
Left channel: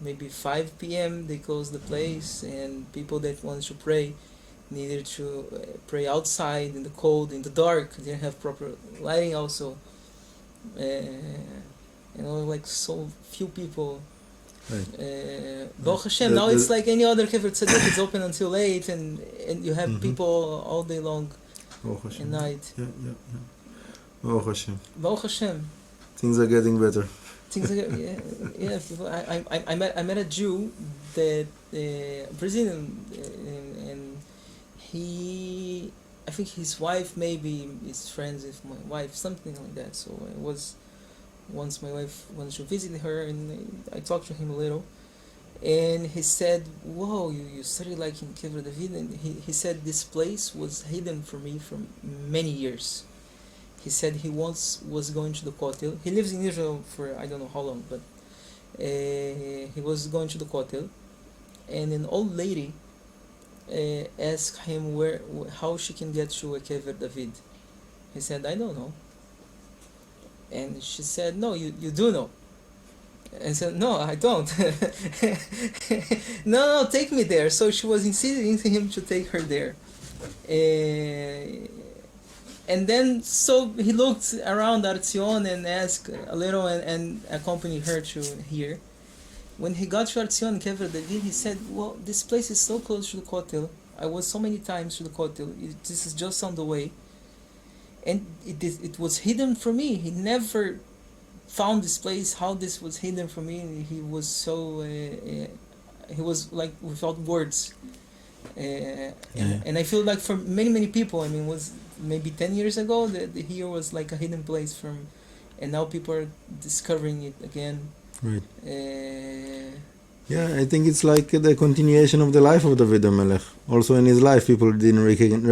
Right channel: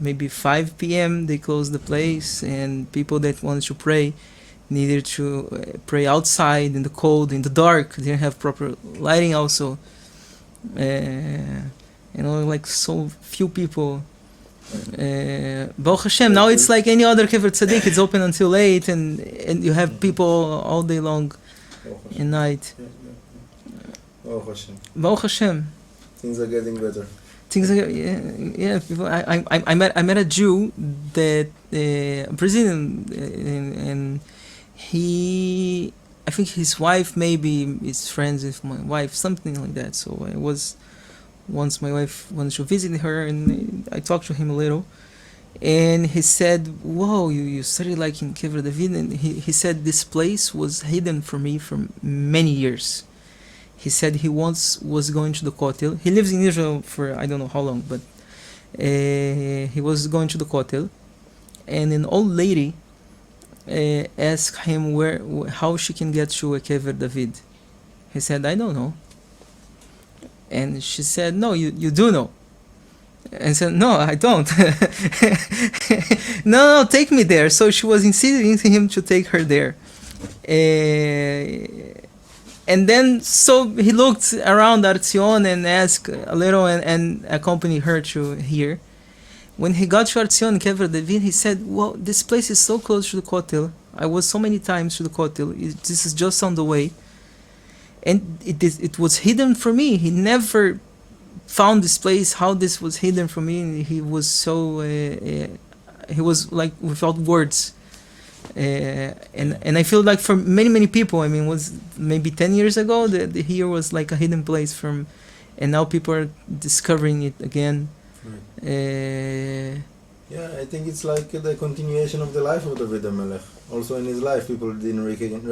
maybe 5 p.m. They closed the place, and people that wanted to pray needed to pray outside in the cold, in the dark. They didn't have proper lighting also. Like so few people. Baruch Hashem, now it's like any other Kever Tzaddik. It's open until late, and you have people all day long and night. Baruch Hashem. Baruch Hashem. Things are getting better. People, I met a Jew that Brazilian, and I think his wife maybe is friends with my wife, something like that. So I was once my wife wanted to visit her, and I talked to him a little, and he said, "Whoa, you studied like in Kever David," and he said this place was hidden from me for many years. He said he once was going to the Kotel. He lives in Israel for I don't know how long, but he was going to the Kotel, and an old lady asked him how she can get to a Kever David. He said, "I don't know." And she said, "No, you do know." And said, "No, I don't." No, take me there. So she was insisting him to take her there. And then, so he looked around Arzion and asked a little and accompanied her to here. When he got to Arzion, Kever David, he said, "Well, this place is so close to the Kotel. I was so many times to the Kotel. This is just on the way. And it was hidden from me. He never found this place, how this was hidden from me. He was so, he was like without words. And I feel like for many people, I mean, was maybe 10 years ago, the here was like a hidden place and now people are discovering it again. Right. I think it's like the continuation of the life of David Hamelech. Also in his life, people didn't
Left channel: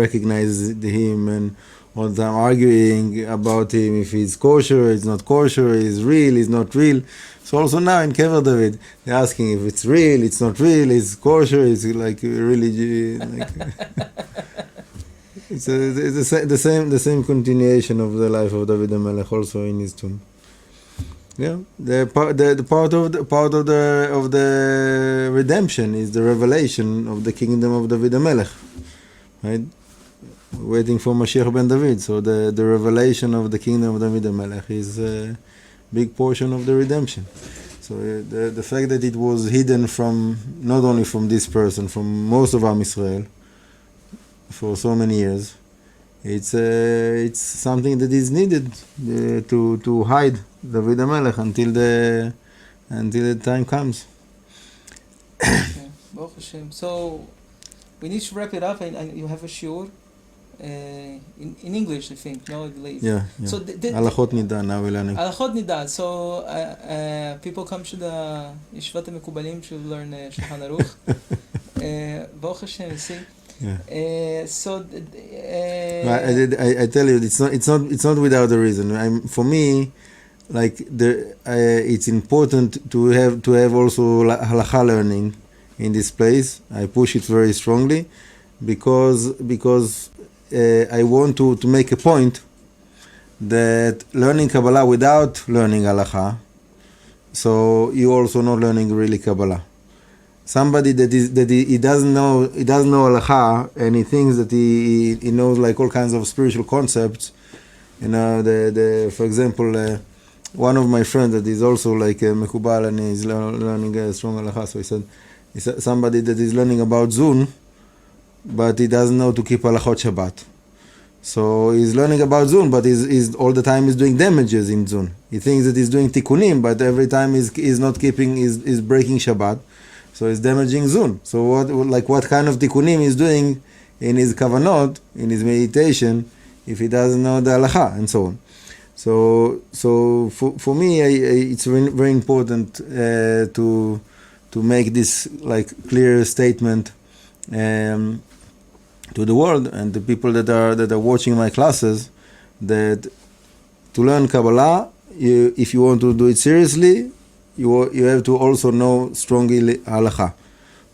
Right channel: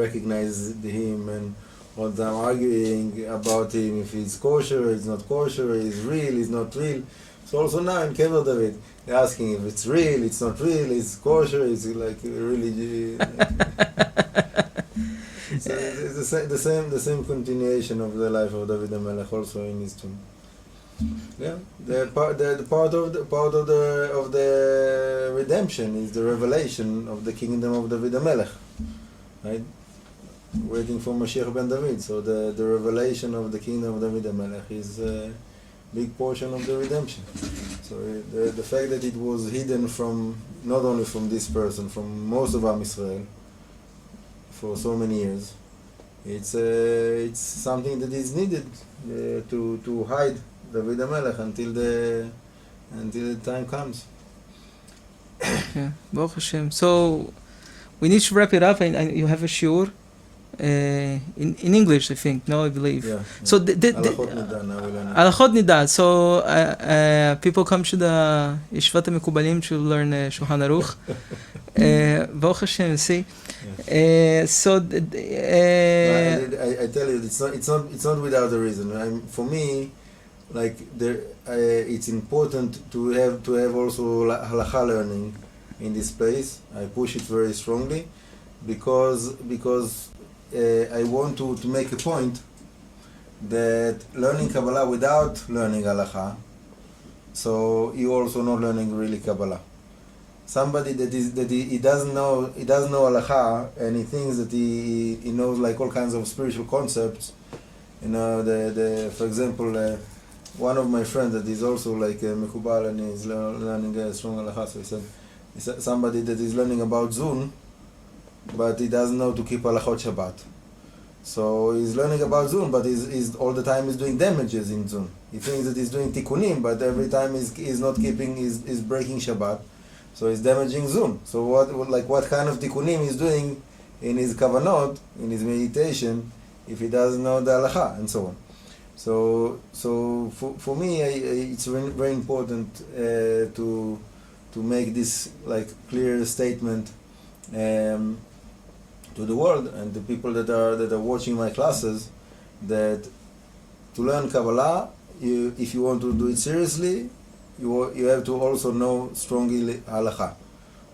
recognize him, and all the time arguing about him, if he's kosher, it's not kosher, he's real, he's not real. So also now in Kever David, they're asking if it's real, it's not real, it's kosher, it's like really it's the same continuation of the life of David Hamelech also in his tomb. Yeah, the part of the redemption is the revelation of the kingdom of David Hamelech, right? Waiting for Mashiach ben David. So the revelation of the kingdom of David Hamelech is a big portion of the redemption. So the fact that it was hidden from, not only from this person, from most of Am Yisrael for so many years, it's something that is needed to hide David Hamelech until the time comes. Yeah, Baruch Hashem. So we need to wrap it up, and you have a shiur. In English, I think. No, I believe. Yeah. So Alachot Nida. Alachot Nida. So people come to the Yeshivat Hamekubalim to learn Shulchan Aruch. Baruch Hashem. See. I tell you, it's not without a reason. For me, like it's important to have also halacha learning in this place. I push it very strongly because I want to make a point that learning Kabbalah without learning halacha, so you also not learning really Kabbalah. Somebody that he doesn't know halacha and he thinks that he knows like all kinds of spiritual concepts. You know, for example, one of my friends that is also like a Hamekubalim and is learning a strong halacha. So he said somebody that is learning about Zun, but he doesn't know to keep halachot Shabbat. So he's learning about Zun, but he's all the time is doing damages in Zun. He thinks that he's doing tikkunim, but every time he's not keeping, is breaking Shabbat. So he's damaging Zun. So what kind of tikkunim he's doing in his kavanot, in his meditation, if he doesn't know the halacha and so on. So for me, it's very important to make this like clear statement to the world and the people that are watching my classes, that to learn Kabbalah, if you want to do it seriously, you have to also know strongly halacha,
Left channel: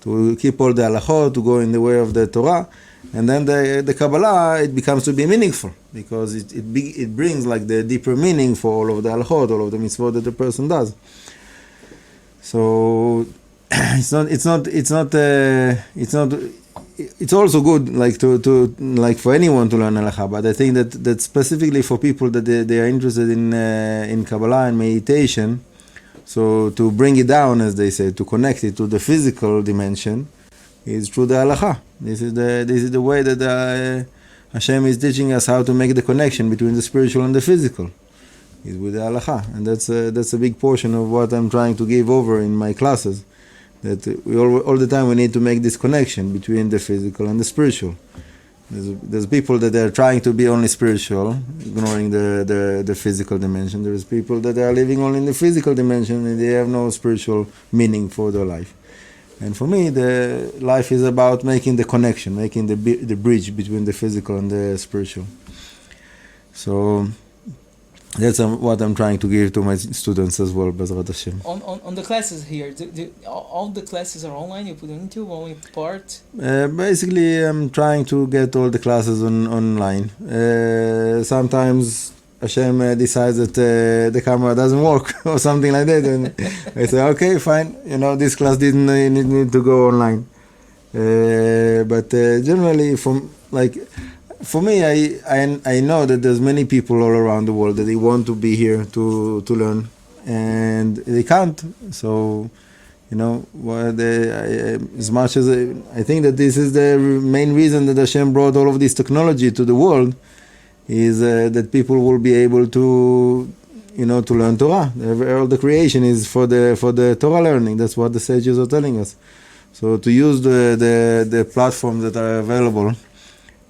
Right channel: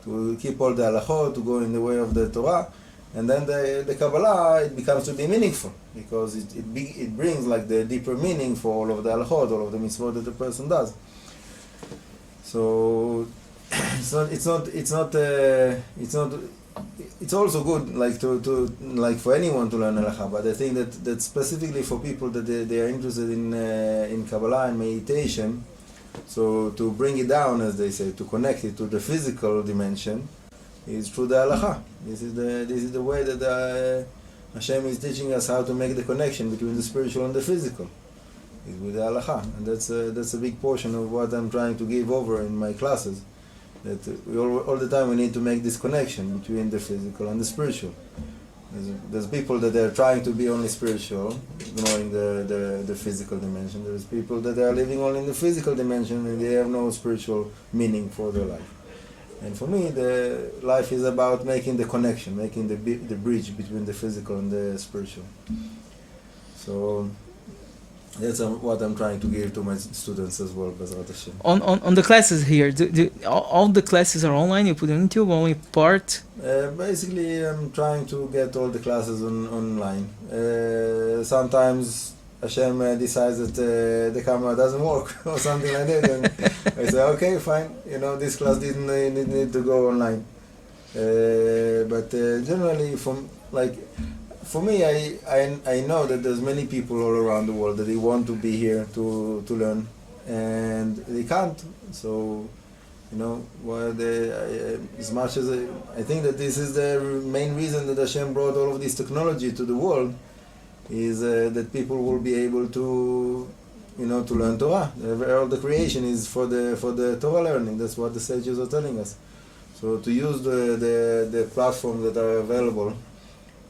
to keep all the halachot, to go in the way of the Torah, and then the Kabbalah, it becomes to be meaningful because it brings like the deeper meaning for all of the halachot, all of the mitzvot that the person does. So it's also good like to like for anyone to learn halacha, but I think that specifically for people that they are interested in Kabbalah and meditation, so to bring it down, as they say, to connect it to the physical dimension, is through the halacha. This is the way that Hashem is teaching us how to make the connection between the spiritual and the physical, is with the halacha, and that's a big portion of what I'm trying to give over in my classes. That we all the time we need to make this connection between the physical and the spiritual. There's people that are trying to be only spiritual, ignoring the physical dimension. There's people that are living only in the physical dimension and they have no spiritual meaning for their life. And for me, the life is about making the connection, making the bridge between the physical and the spiritual. So that's what I'm trying to give to my students as well, Bezrat Hashem. On the classes here, all the classes are online? You put on YouTube, only part? Basically, I'm trying to get all the classes online. Sometimes Hashem decides that the camera doesn't work or something like that, and I say, okay, fine, this class didn't need to go online. But generally, for me, I know that there's many people all around the world that they want to be here to learn, and they can't. So, as much as I think that this is the main reason that Hashem brought all of this technology to the world, is that people will be able to, to learn Torah. All the creation is for the Torah learning. That's what the sages are telling us. So to use the platforms that are available.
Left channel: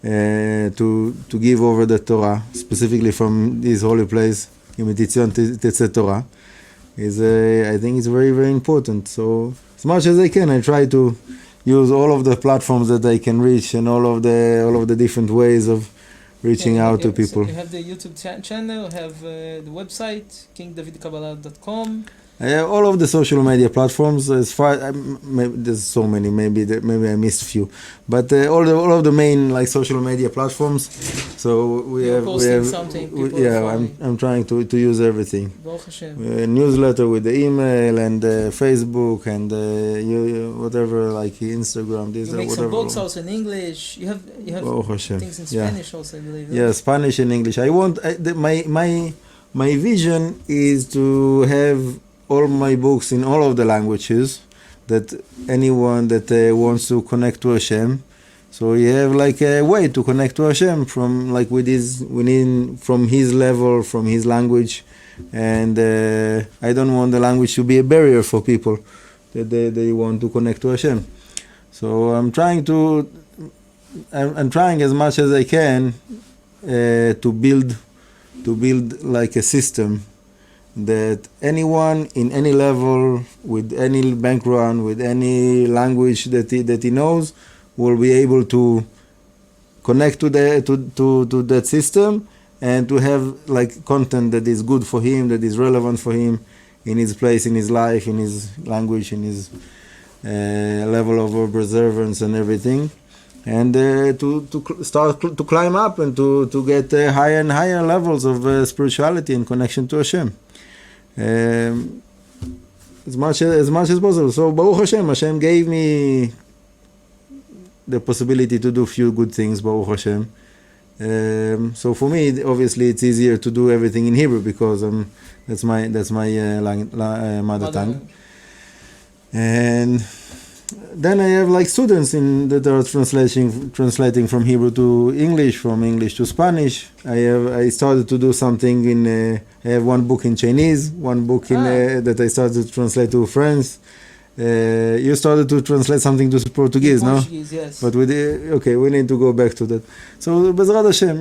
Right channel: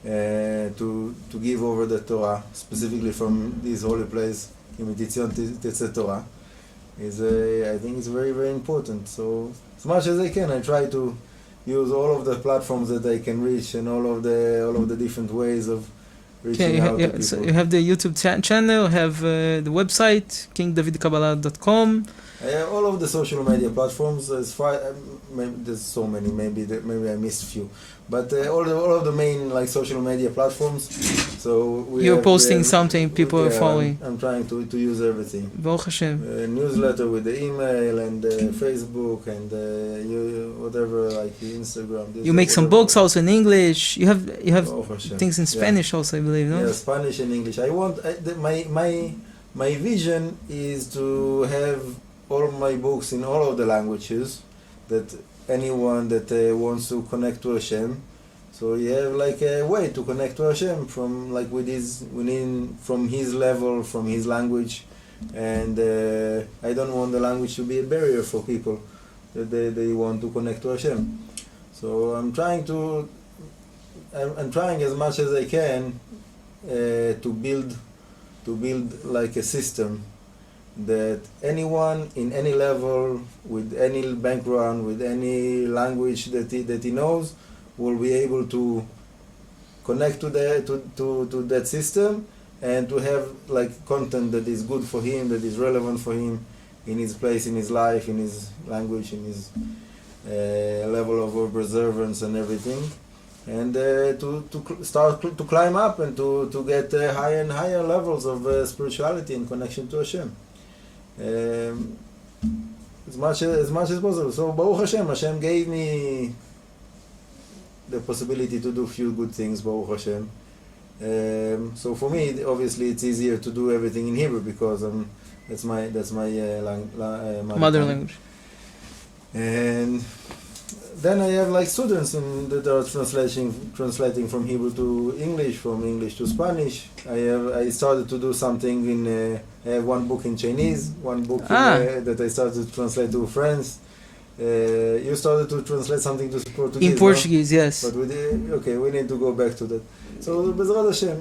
To give over the Torah, specifically from this holy place, Imitation Tetzet Torah, I think it's very, very important. So as much as I can, I try to use all of the platforms that I can reach and all of the different ways of reaching out to people. So you have the YouTube channel, have the website, kingdavidkabbalah.com. All of the social media platforms, as far there's so many, maybe I missed a few, but all of the main social media platforms. So you're posting something, people are following. I'm trying to use everything. Baruch Hashem. Newsletter with the email and Facebook and whatever, like Instagram. You make some books also in English. You have things in Spanish also, I believe. No? Yeah, Spanish and English. I want my vision is to have all my books in all of the languages, that anyone that wants to connect to Hashem, so you have a way to connect to Hashem from from his level, from his language, and I don't want the language to be a barrier for people that they want to connect to Hashem. So I'm trying as much as I can to build a system that anyone in any level, with any background, with any language that he knows, will be able to connect to that system and to have like content that is good for him, that is relevant for him in his place, in his life, in his language, in his level of observance and everything, and start to climb up and to get higher and higher levels of spirituality and connection to Hashem, as much as possible. So Baruch Hashem gave me the possibility to do few good things, Baruch Hashem. So for me, obviously, it's easier to do everything in Hebrew because that's my mother tongue. And then I have like students that are translating from Hebrew to English, from English to Spanish. I started to do something in. I have one book in Chinese, one book that I started to translate to French. You started to translate something to Portuguese. In Portuguese, no? Yes. But we need to go back to that. So Bezrat Hashem,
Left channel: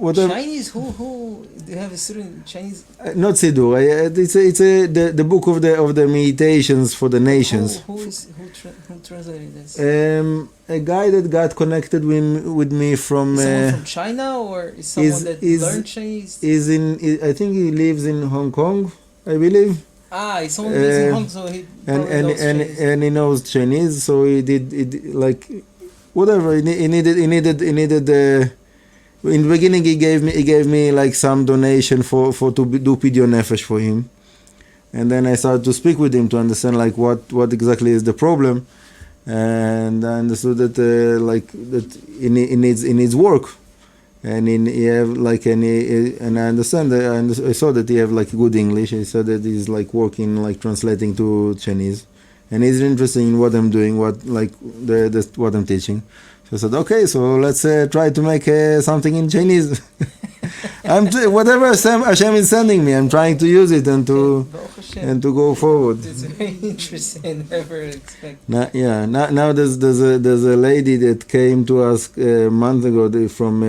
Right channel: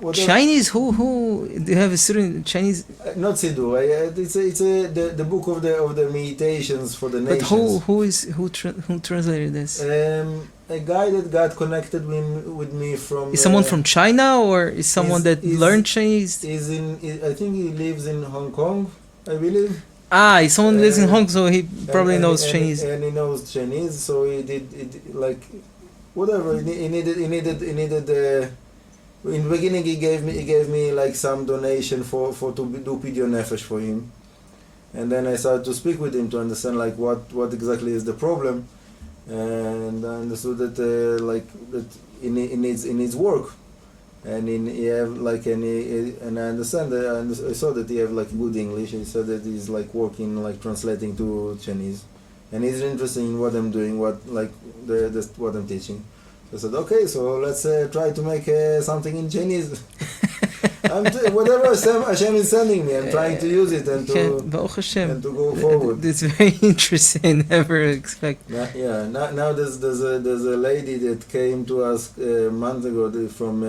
whatever. Chinese? Who do you have a student Chinese? Not Siddur. It's the book of the meditations for the nations. Who translated this? A guy that got connected with me from. Is someone from China or is someone that learned Chinese? I think he lives in Hong Kong, I believe. Someone lives in Hong Kong, so he probably knows Chinese. And he knows Chinese, so he did like whatever he needed. In the beginning, he gave me like some donation for to do Pidyon Nefesh for him, and then I started to speak with him to understand like what exactly is the problem, and I understood that that he needs work. And he have like and I understand that I saw that he have like good English. He said that he's like working like translating to Chinese, and he's interested in what I'm doing, what I'm teaching. So I said, okay, so let's try to make something in Chinese. Whatever Hashem is sending me, I'm trying to use it and to go forward. It's very interesting. Never expect. Now there's a lady that came to us a month ago from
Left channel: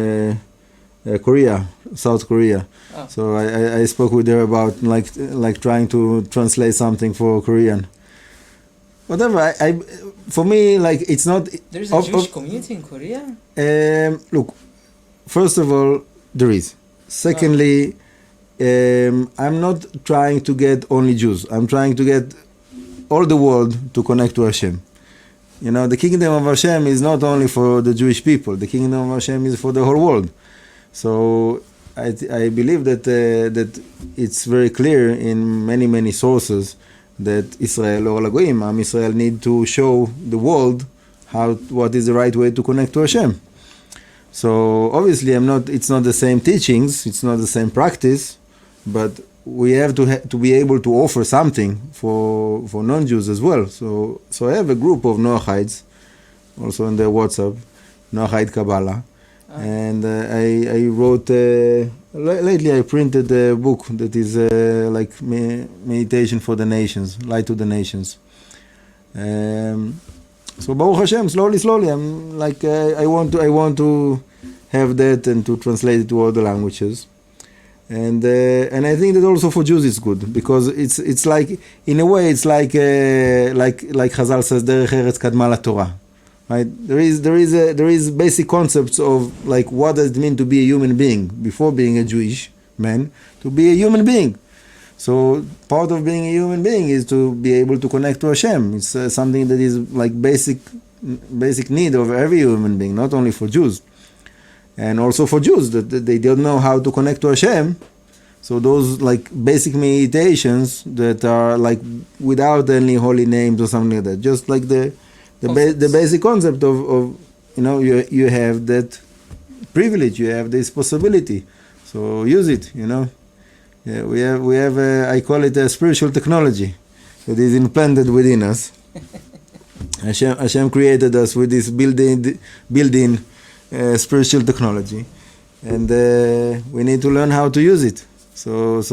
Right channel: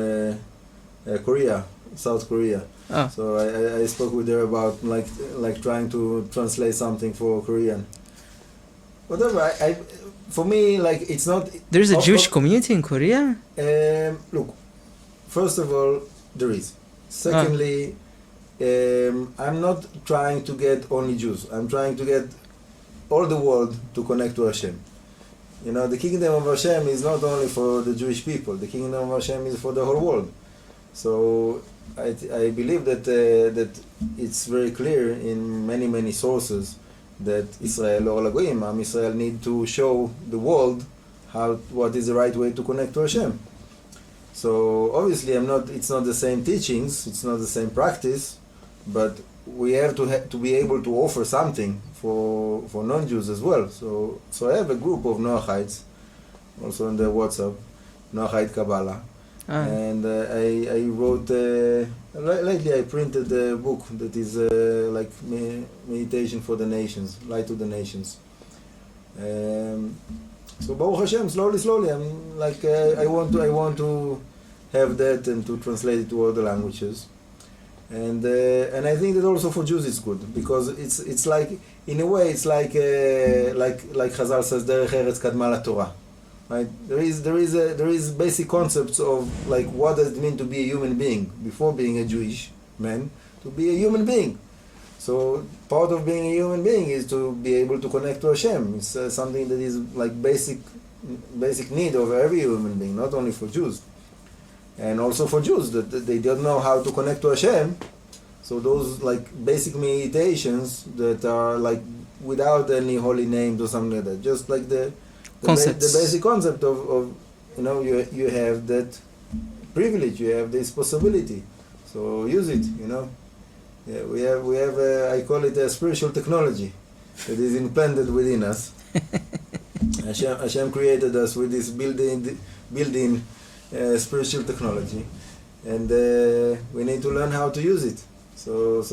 Korea, South Korea. Oh. So I spoke with her about like trying to translate something for Korean. Whatever. For me, like it's not. There's a Jewish community in Korea. Look, first of all, there is. Secondly, I'm not trying to get only Jews. I'm trying to get all the world to connect to Hashem. The kingdom of Hashem is not only for the Jewish people. The kingdom of Hashem is for the whole world. So I believe that it's very clear in many sources that Israel or Lagoim, Am Israel, need to show the world what is the right way to connect to Hashem. So obviously, it's not the same teachings, it's not the same practice, but we have to be able to offer something for non-Jews as well. So I have a group of Noachites, also in the WhatsApp, Noachite Kabbalah, and I wrote lately. I printed a book that is like meditation for the nations, light to the nations. So Baruch Hashem, slowly, I'm like I want to have that and to translate it to all the languages, and I think that also for Jews it's good because it's like in a way it's like Chazal says Derech Eretz Kadma LaTorah, right? There is basic concepts of like what does it mean to be a human being before being a Jewish man, to be a human being. So part of being a human being is to be able to connect to Hashem. It's something that is like basic need of every human being, not only for Jews, and also for Jews that they don't know how to connect to Hashem. So those like basic meditations that are like without any holy names or something like that, just like the basic concept of you have that privilege, you have this possibility, so use it. Yeah, we have I call it a spiritual technology that is implanted within us. Hashem created us with this built-in spiritual technology, and we need to learn how to use it. So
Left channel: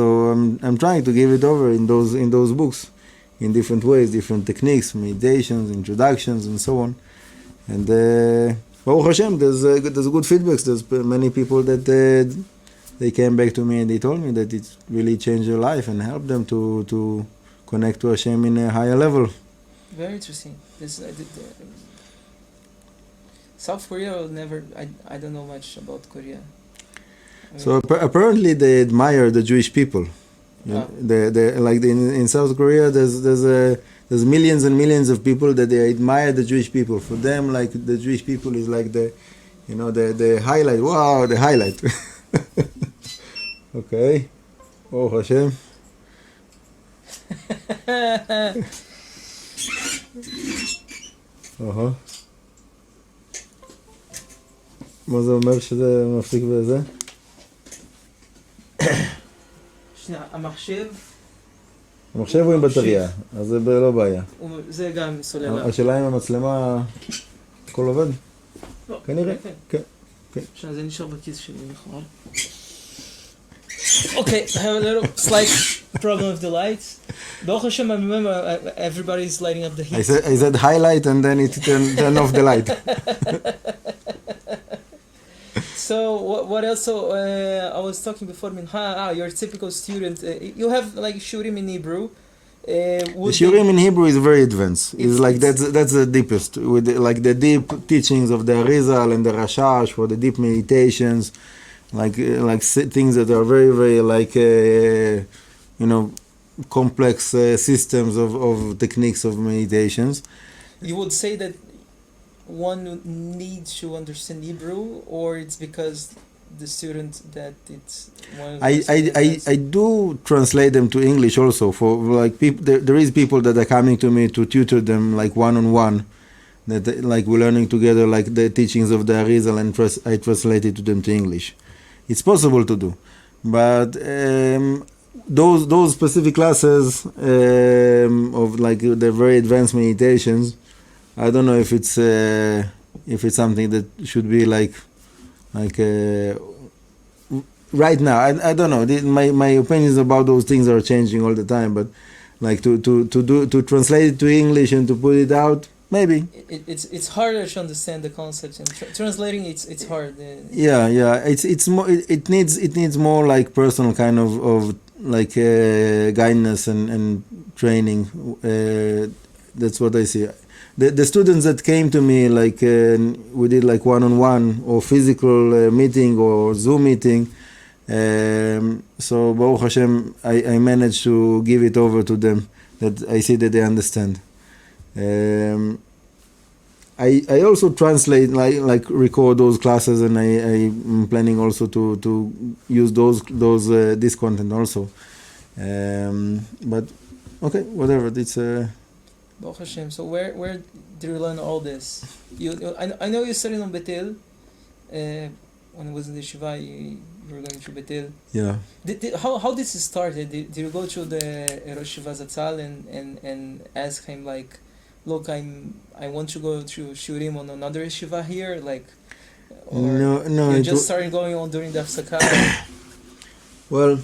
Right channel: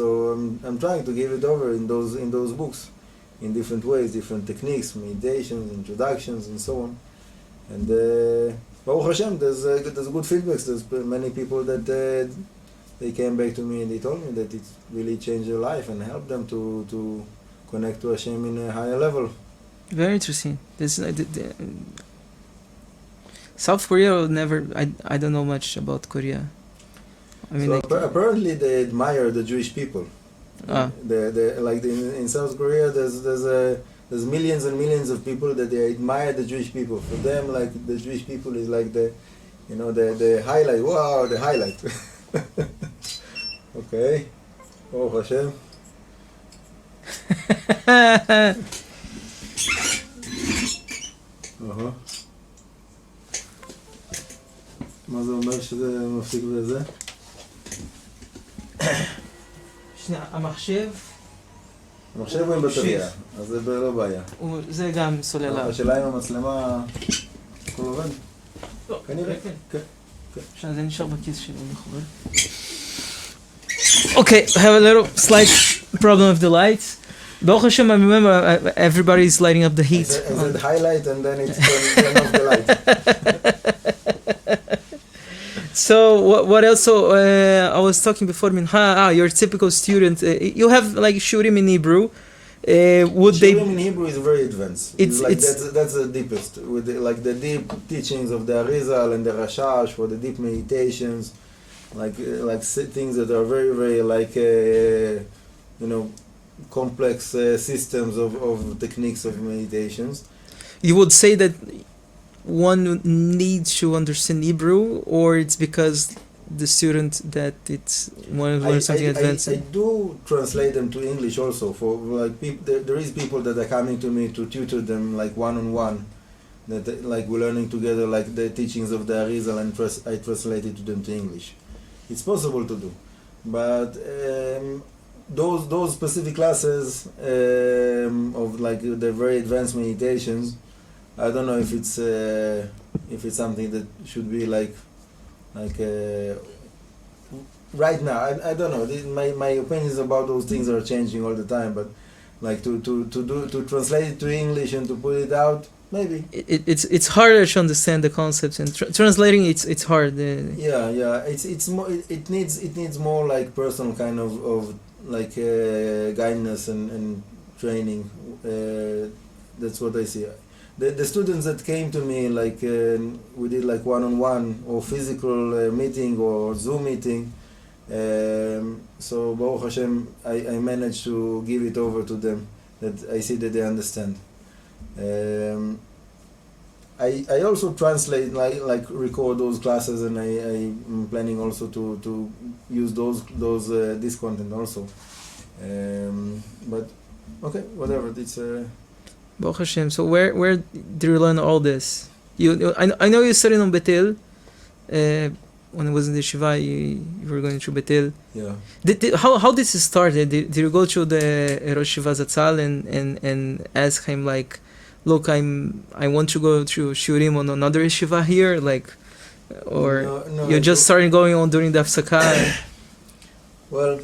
I'm trying to give it over in those books, in different ways, different techniques, meditations, introductions, and so on. And Baruch Hashem, there's good feedbacks. There's many people that they came back to me and they told me that it really changed their life and helped them to connect to Hashem in a higher level. Very interesting. South Korea never. I don't know much about Korea. I mean, So apparently they admire the Jewish people. Ah. In South Korea, there's millions and millions of people that they admire the Jewish people. For them, like the Jewish people is like the highlight. Wow, the highlight. Okay. Oh Hashem. מה זה אומר שזה מפסיק בזה? שנייה, המחשב הוא עם בטריה, אז זה לא בעיה. זה גם סוללה. השאלה אם המצלמה הכל עובד? לא, כנראה. כן. שנייה, זה נשאר בכיס שלי לכאורה. Okay, I have a little slight problem with the lights. Baruch Hashem, I remember everybody is lighting up the heat. I said highlight and then it's turn off the light. So what else? So I was talking before Minha. You're a typical student. You have like shurim in Hebrew. Shurim in Hebrew is very advanced. It's like that's the deepest, with like the deep teachings of the Arizal and the Rashash for the deep meditations, like things that are very very like complex systems of techniques of meditations. You would say that one needs to understand Hebrew, or it's because the student that it's one of the I do translate them to English also for like people. There is people that are coming to me to tutor them like one-on-one, that like we're learning together like the teachings of the Arizal, and I translate it to them to English. It's possible to do, but those specific classes of like the very advanced meditations, I don't know if it's something that should be like right now. I don't know. My opinions about those things are changing all the time. But like to translate it to English and to put it out, maybe it's harder to understand the concepts, and translating it's hard. Yeah. It's more. It needs more like personal kind of like guidance and training. That's what I see. The students that came to me, like we did like one-on-one or physical meeting or Zoom meeting. So Baruch Hashem, I managed to give it over to them, that I see that they understand. I also translate, like record those classes, and I'm planning also to use this content also. But okay, whatever. It's Baruch Hashem. So where did you learn all this? I know you studied on Betel. When I was in the Yeshiva, you were going through Betel. Yeah. How this started? Did you go to the Rosh Yeshiva Zatzal and ask him like, look, I want to go to Shurim on another Yeshiva here, like, or no, you just started going on during the Hafsaka? Well,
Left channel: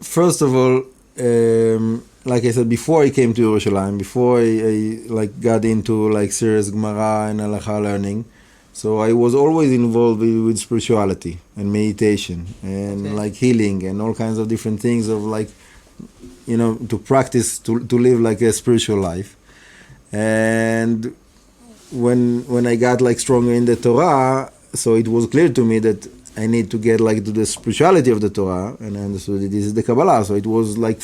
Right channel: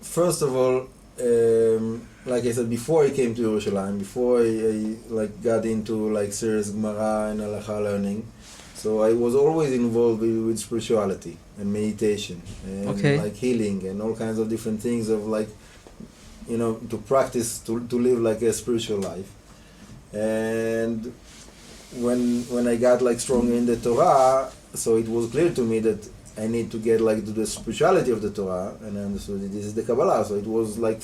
first of all, like I said, before I came to Yerushalayim, before I like got into like serious Gemara and Halacha learning, so I was always involved with spirituality and meditation and like healing and all kinds of different things of like, to practice to live like a spiritual life. And when I got like stronger in the Torah, so it was clear to me that I need to get like to the spirituality of the Torah, and I understood that this is the Kabbalah. So it was like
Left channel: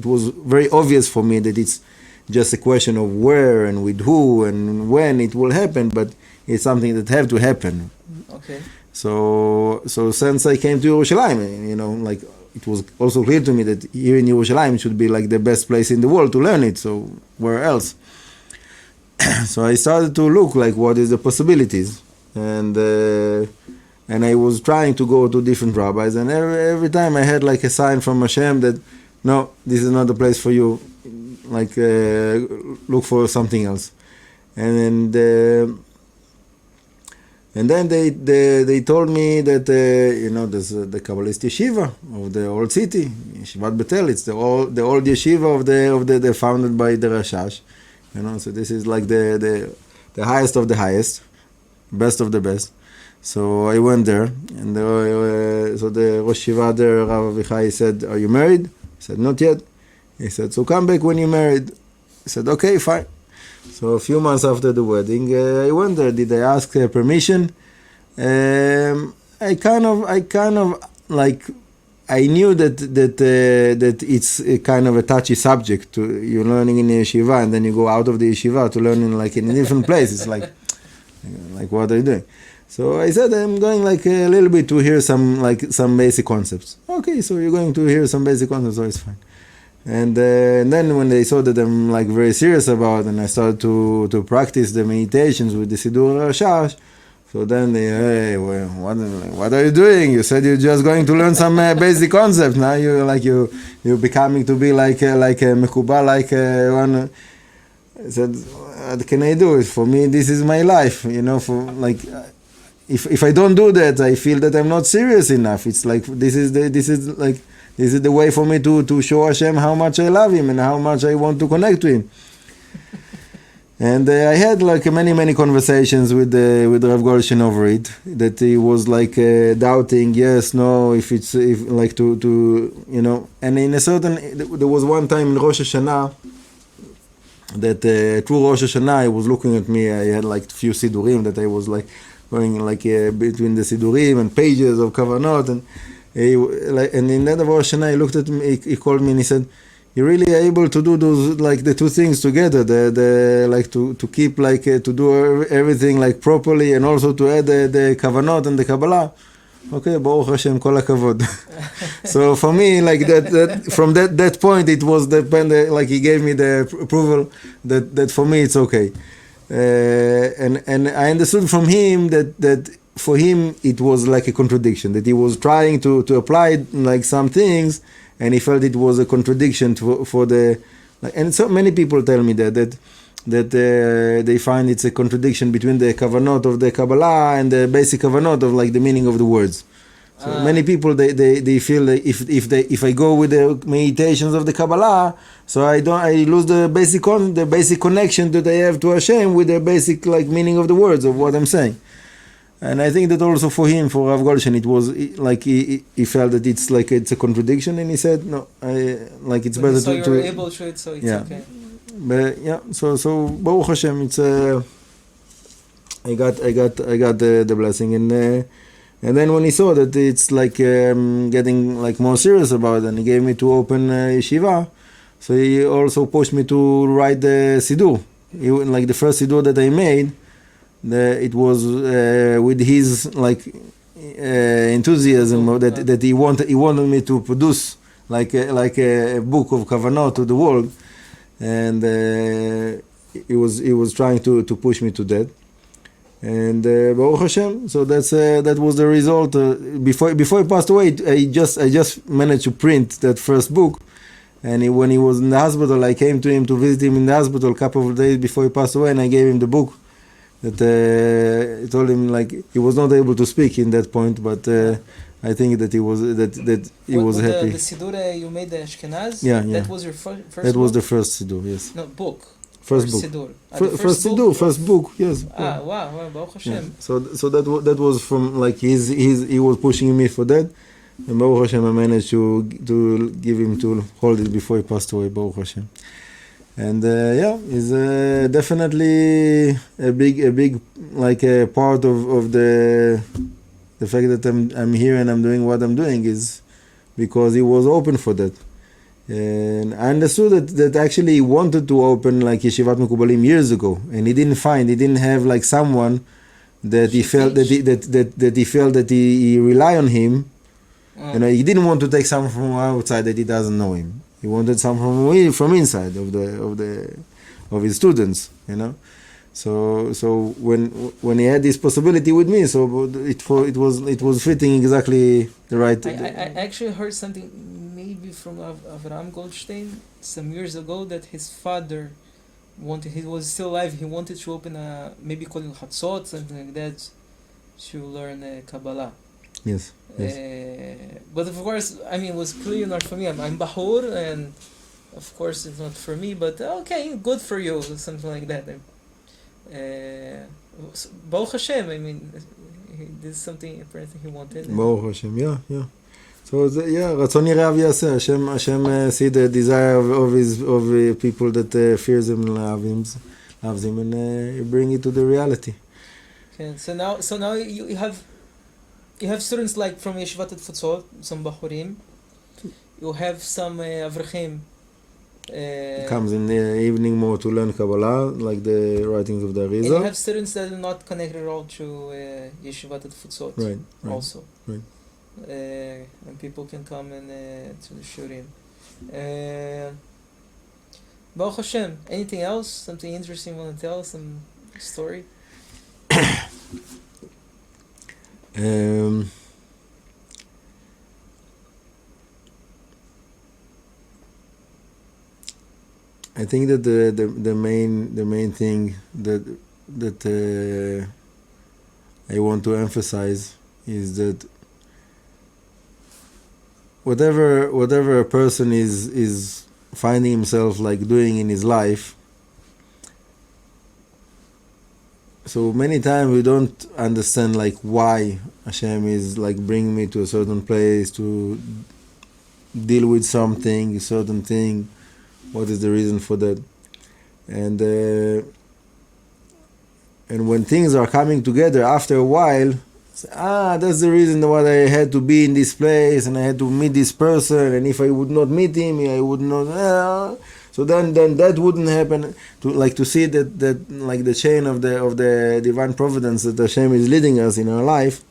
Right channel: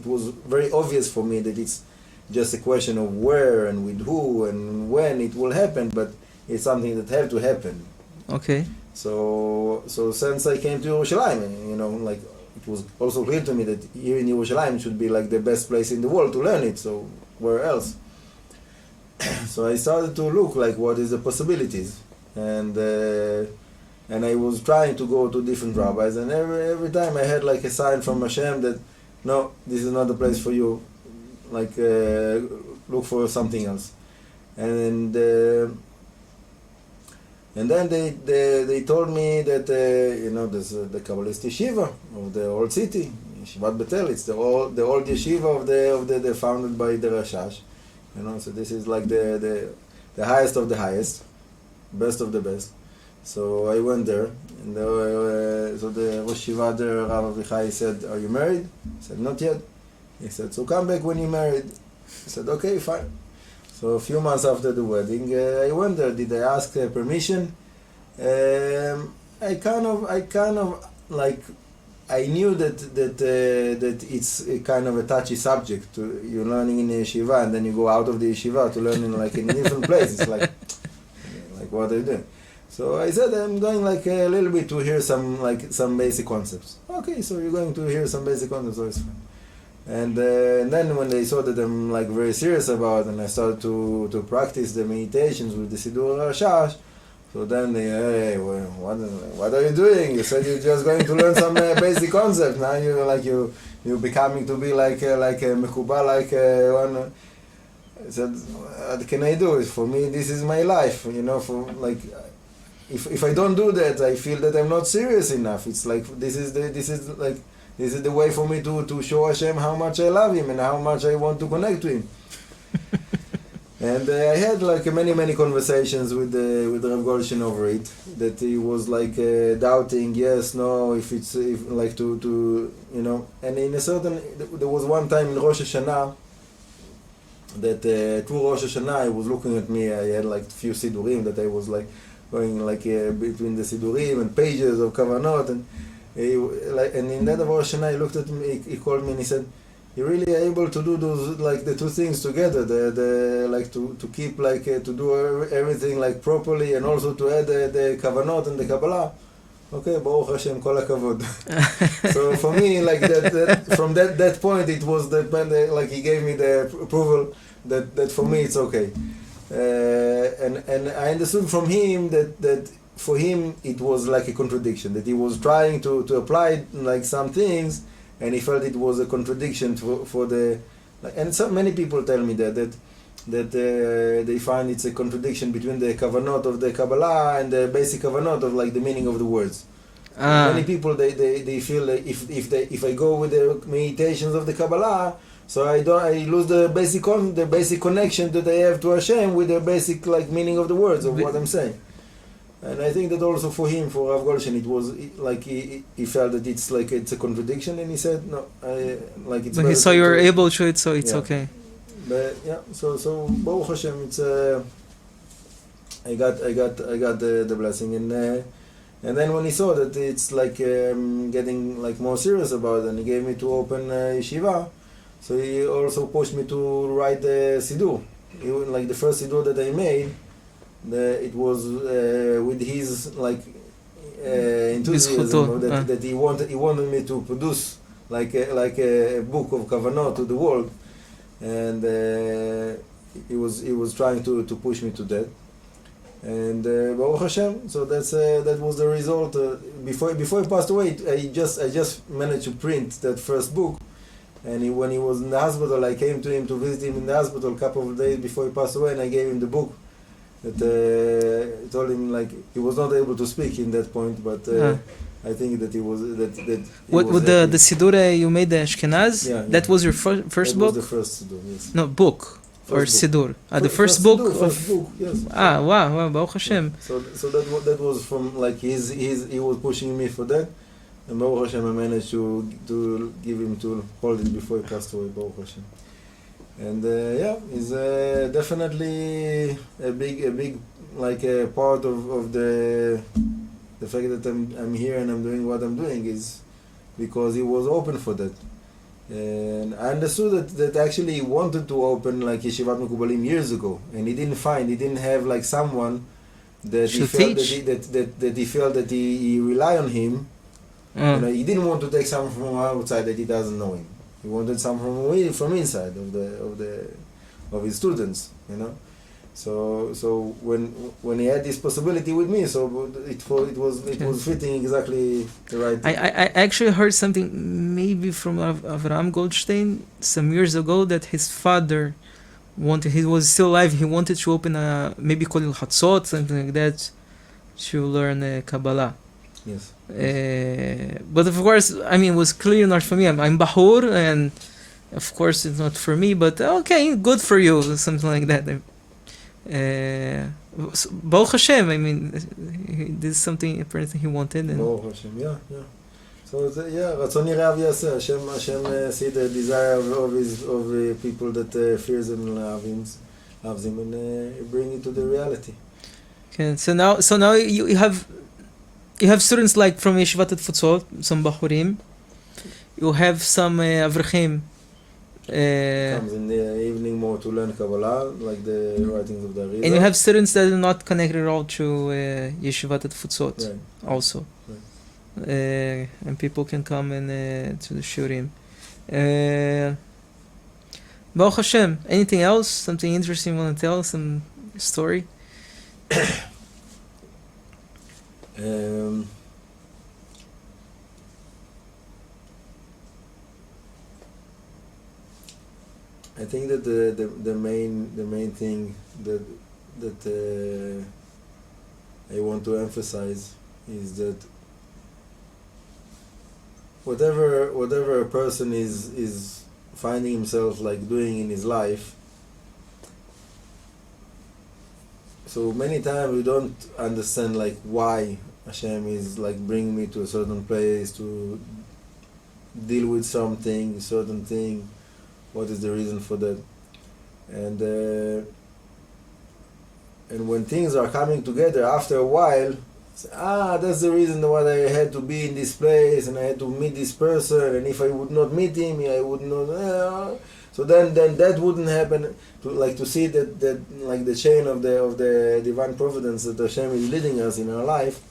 it was very obvious for me that it's just a question of where and with who and when it will happen, but it's something that have to happen. Okay. So since I came to Yerushalayim, like it was also clear to me that here in Yerushalayim should be like the best place in the world to learn it. So where else? So I started to look like what is the possibilities, and I was trying to go to different rabbis, and every time I had like a sign from Hashem that no, this is not the place for you, like look for something else. And then they told me that there's the Kabbalist Yeshiva of the old city, Yeshivat Betel. It's the old yeshiva of the founded by the Rashash. So this is like the highest of the highest, best of the best. So I went there, and so the Rosh Yeshiva there, Rav Avichai, said, "Are you married?" I said, "Not yet." He said, "So come back when you're married." I said, "Okay, fine." So a few months after the wedding, I went there. Did I ask permission? I kind of like, I knew that it's a kind of a touchy subject. You're learning in the yeshiva, and then you go out of the yeshiva to learn in like in a different place. It's like what are you doing? So I said I'm going like a little bit to hear some basic concepts. Okay, so you're going to hear some basic concepts, so it's fine. And then when they saw that I'm like very serious about it, and I started to practice the meditations with the Sidur Rashash, so then they, hey, well, what are you doing? You said you're just going to learn some basic concepts. Now you're becoming to be like a Hamekubalim, like one. I said, what can I do? For me, this is my life. You know, for like, if I don't do that, I feel that I'm not serious enough. It's like this is the way for me to show Hashem how much I love Him and how much I want to connect to Him. And I had like many conversations with Rav Goldstein over it. That he was like doubting, yes, no, if like to you know. And in a certain, there was one time in Rosh Hashanah that through Rosh Hashanah he was looking at me. I had like a few sidurim that I was like going like between the sidurim and pages of kavanot and. And in that Rosh Hashanah, he looked at me, he called me and he said, "You're really able to do those like the two things together, the like to keep like to do everything like properly, and also to add the kavanot and the Kabbalah." Okay, Baruch Hashem, kol hakavod. So for me, like that from that point, it was like he gave me the approval that for me it's okay, and I understood from him that. For him, it was like a contradiction, that he was trying to apply like some things, and he felt it was a contradiction for the, like, and so many people tell me that they find it's a contradiction between the kavanot of the Kabbalah and the basic kavanot of like the meaning of the words. So many people they feel that if I go with the meditations of the Kabbalah, so I lose the basic connection that I have to Hashem with the basic like meaning of the words of what I'm saying. And I think that also for him, for Rav Goldstein, it was like he felt that it's like it's a contradiction, and he said no, like it's. But better he saw you were able to it, so it's okay. But yeah, so Baruch Hashem, it's I got the blessing, and then when he saw that it's like getting like more serious about it, and he gave me to open yeshiva, so he also pushed me to write the sidur. Like the first sidur that I made. It was with his like enthusiasm that he wanted me to produce like a book of kavanot to the world, and he was trying to push me to that, and Baruch Hashem. So that was the result. Before he passed away, I just managed to print that first book, and when he was in the hospital, I came to him to visit him in the hospital a couple of days before he passed away, and I gave him the book. That I told him like he was not able to speak in that point, but I think that he was with happy. The sidur you made the Ashkenaz. Yeah. That was your first book. That was the first sidur, yes. No book. First or sidur. The first book. First book, yes. Wow, Baruch Hashem. Yeah. So that was from like he was pushing me for that, and Baruch Hashem I managed to give him to hold it before he passed away. Baruch Hashem. And is definitely a big like a part of the fact that I'm here and I'm doing what I'm doing is because he was open for that. And I understood that actually he wanted to open like Yeshivat Hamekubalim years ago, and he didn't have like someone that he felt that he felt that he rely on him. You know, he didn't want to take someone from outside that he doesn't know him. He wanted someone from inside of his students, you know. So when he had this possibility with me, so it was fitting exactly the right. I actually heard something maybe from Avram Goldstein some years ago that his father he was still alive. He wanted to open maybe Kolil Hatzot, something like that, to learn Kabbalah. Yes. But of course, I mean, it was clearly not for me. I'm Bahur, and of course it's not for me, but okay, good for you, something like that. Baruch Hashem, I mean, this is something apparently he wanted. Baruch Hashem, yeah. So Ratzon Yirav Yaseh, Hashem see the desire of people that fears him and love him. loves him, and bring it to the reality. Okay, so now you have students like from Yeshivat Futsot, some Bachurim. You have some Avrechim. Comes in the evening more to learn Kabbalah, like the writings of the Arizal. And you have students that are not connected at all to Yeshivat Futsot, right. also. Right. And people can come and to the shurim. Baruch Hashem. Anything else? Something interesting you want to tell? Some story? I think that the main thing that I want to emphasize is that whatever a person is finding himself like doing in his life, so many times we don't understand like why Hashem is like bringing me to a certain place to deal with something, a certain thing. What is the reason for that? And when things are coming together after a while, that's the reason why I had to be in this place and I had to meet this person, and if I would not meet him, I would not. So then that wouldn't happen. To see that like the chain of the divine providence that Hashem is leading us in our life.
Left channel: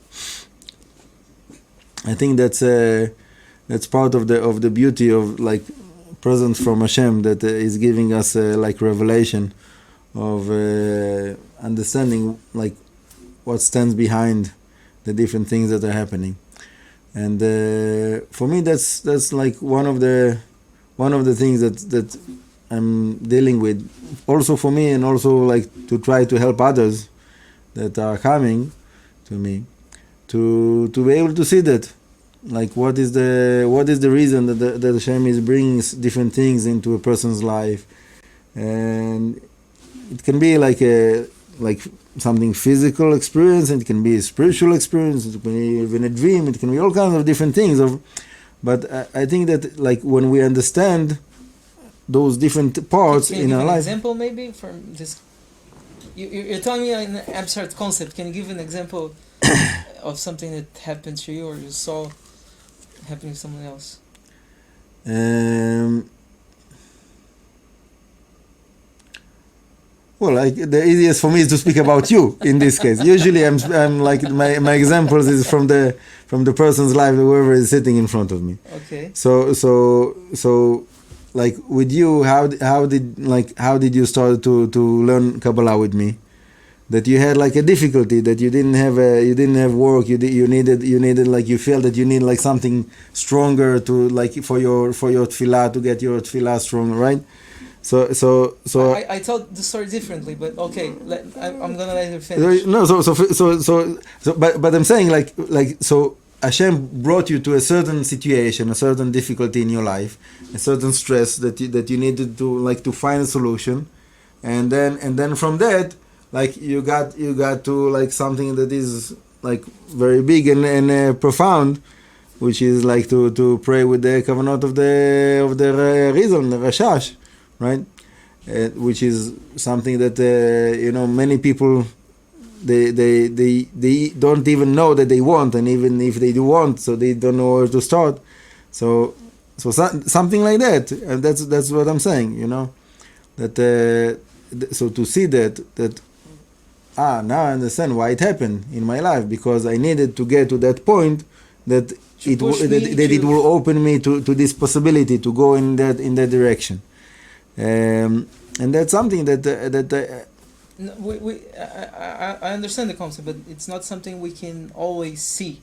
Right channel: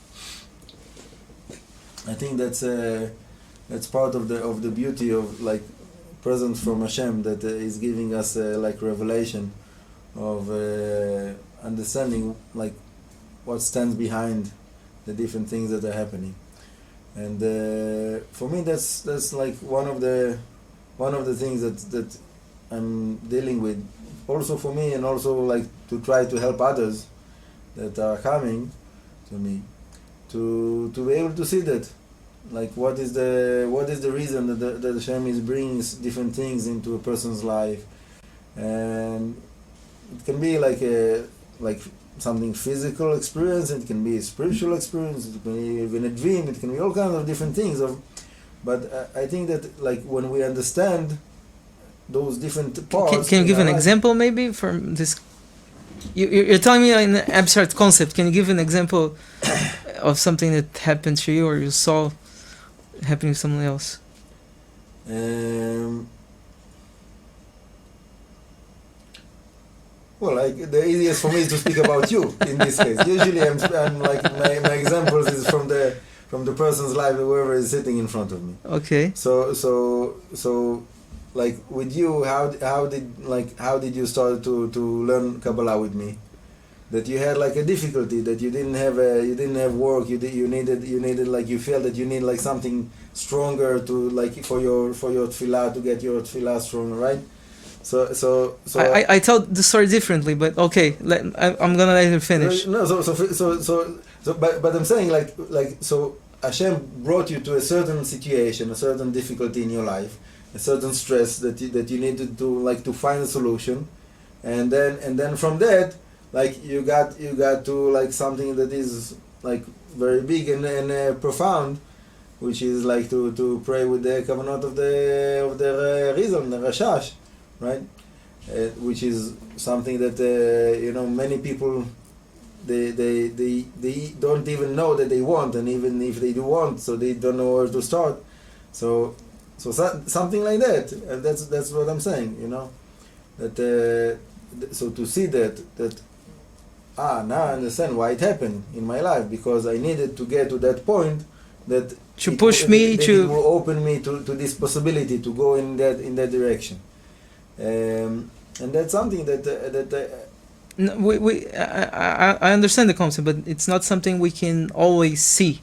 I think that's part of the beauty of like presence from Hashem that is giving us like revelation of understanding like what stands behind the different things that are happening, and for me that's like one of the things that I'm dealing with, also for me, and also like to try to help others that are coming to me to be able to see that. Like what is the reason that Hashem is bringing different things into a person's life, and it can be like something physical experience, and it can be a spiritual experience, it can be even a dream, it can be all kinds of different things. But I think that like when we understand those different parts, can you give an example maybe from this? You're telling me an abstract concept. Can you give an example of something that happened to you or you saw happening to someone else? Well, like the easiest for me is to speak about you in this case. Usually, I'm like my examples is from the person's life, whoever is sitting in front of me. Okay. So like with you, how did you start to learn Kabbalah with me? That you had like a difficulty, that you didn't have work, you needed like you felt that you need like something stronger to like for your tefillah, to get your tefillah stronger, right? So I tell the story differently, but okay, I'm gonna let you finish. No, but I'm saying like so Hashem brought you to a certain situation, a certain difficulty in your life, a certain stress that you needed to find a solution, and then from that, like you got to like something that is like very big and profound, which is like to pray with the kavanot of the Rizal, the Rashash, right? Which is something that many people they don't even know that they want, and even if they do want, so they don't know where to start. So something like that, and that's what I'm saying. That so to see that now I understand why it happened in my life, because I needed to get to that point that it will open me to this possibility to go in that direction, and that's something that I understand the concept, but it's not something we can always see.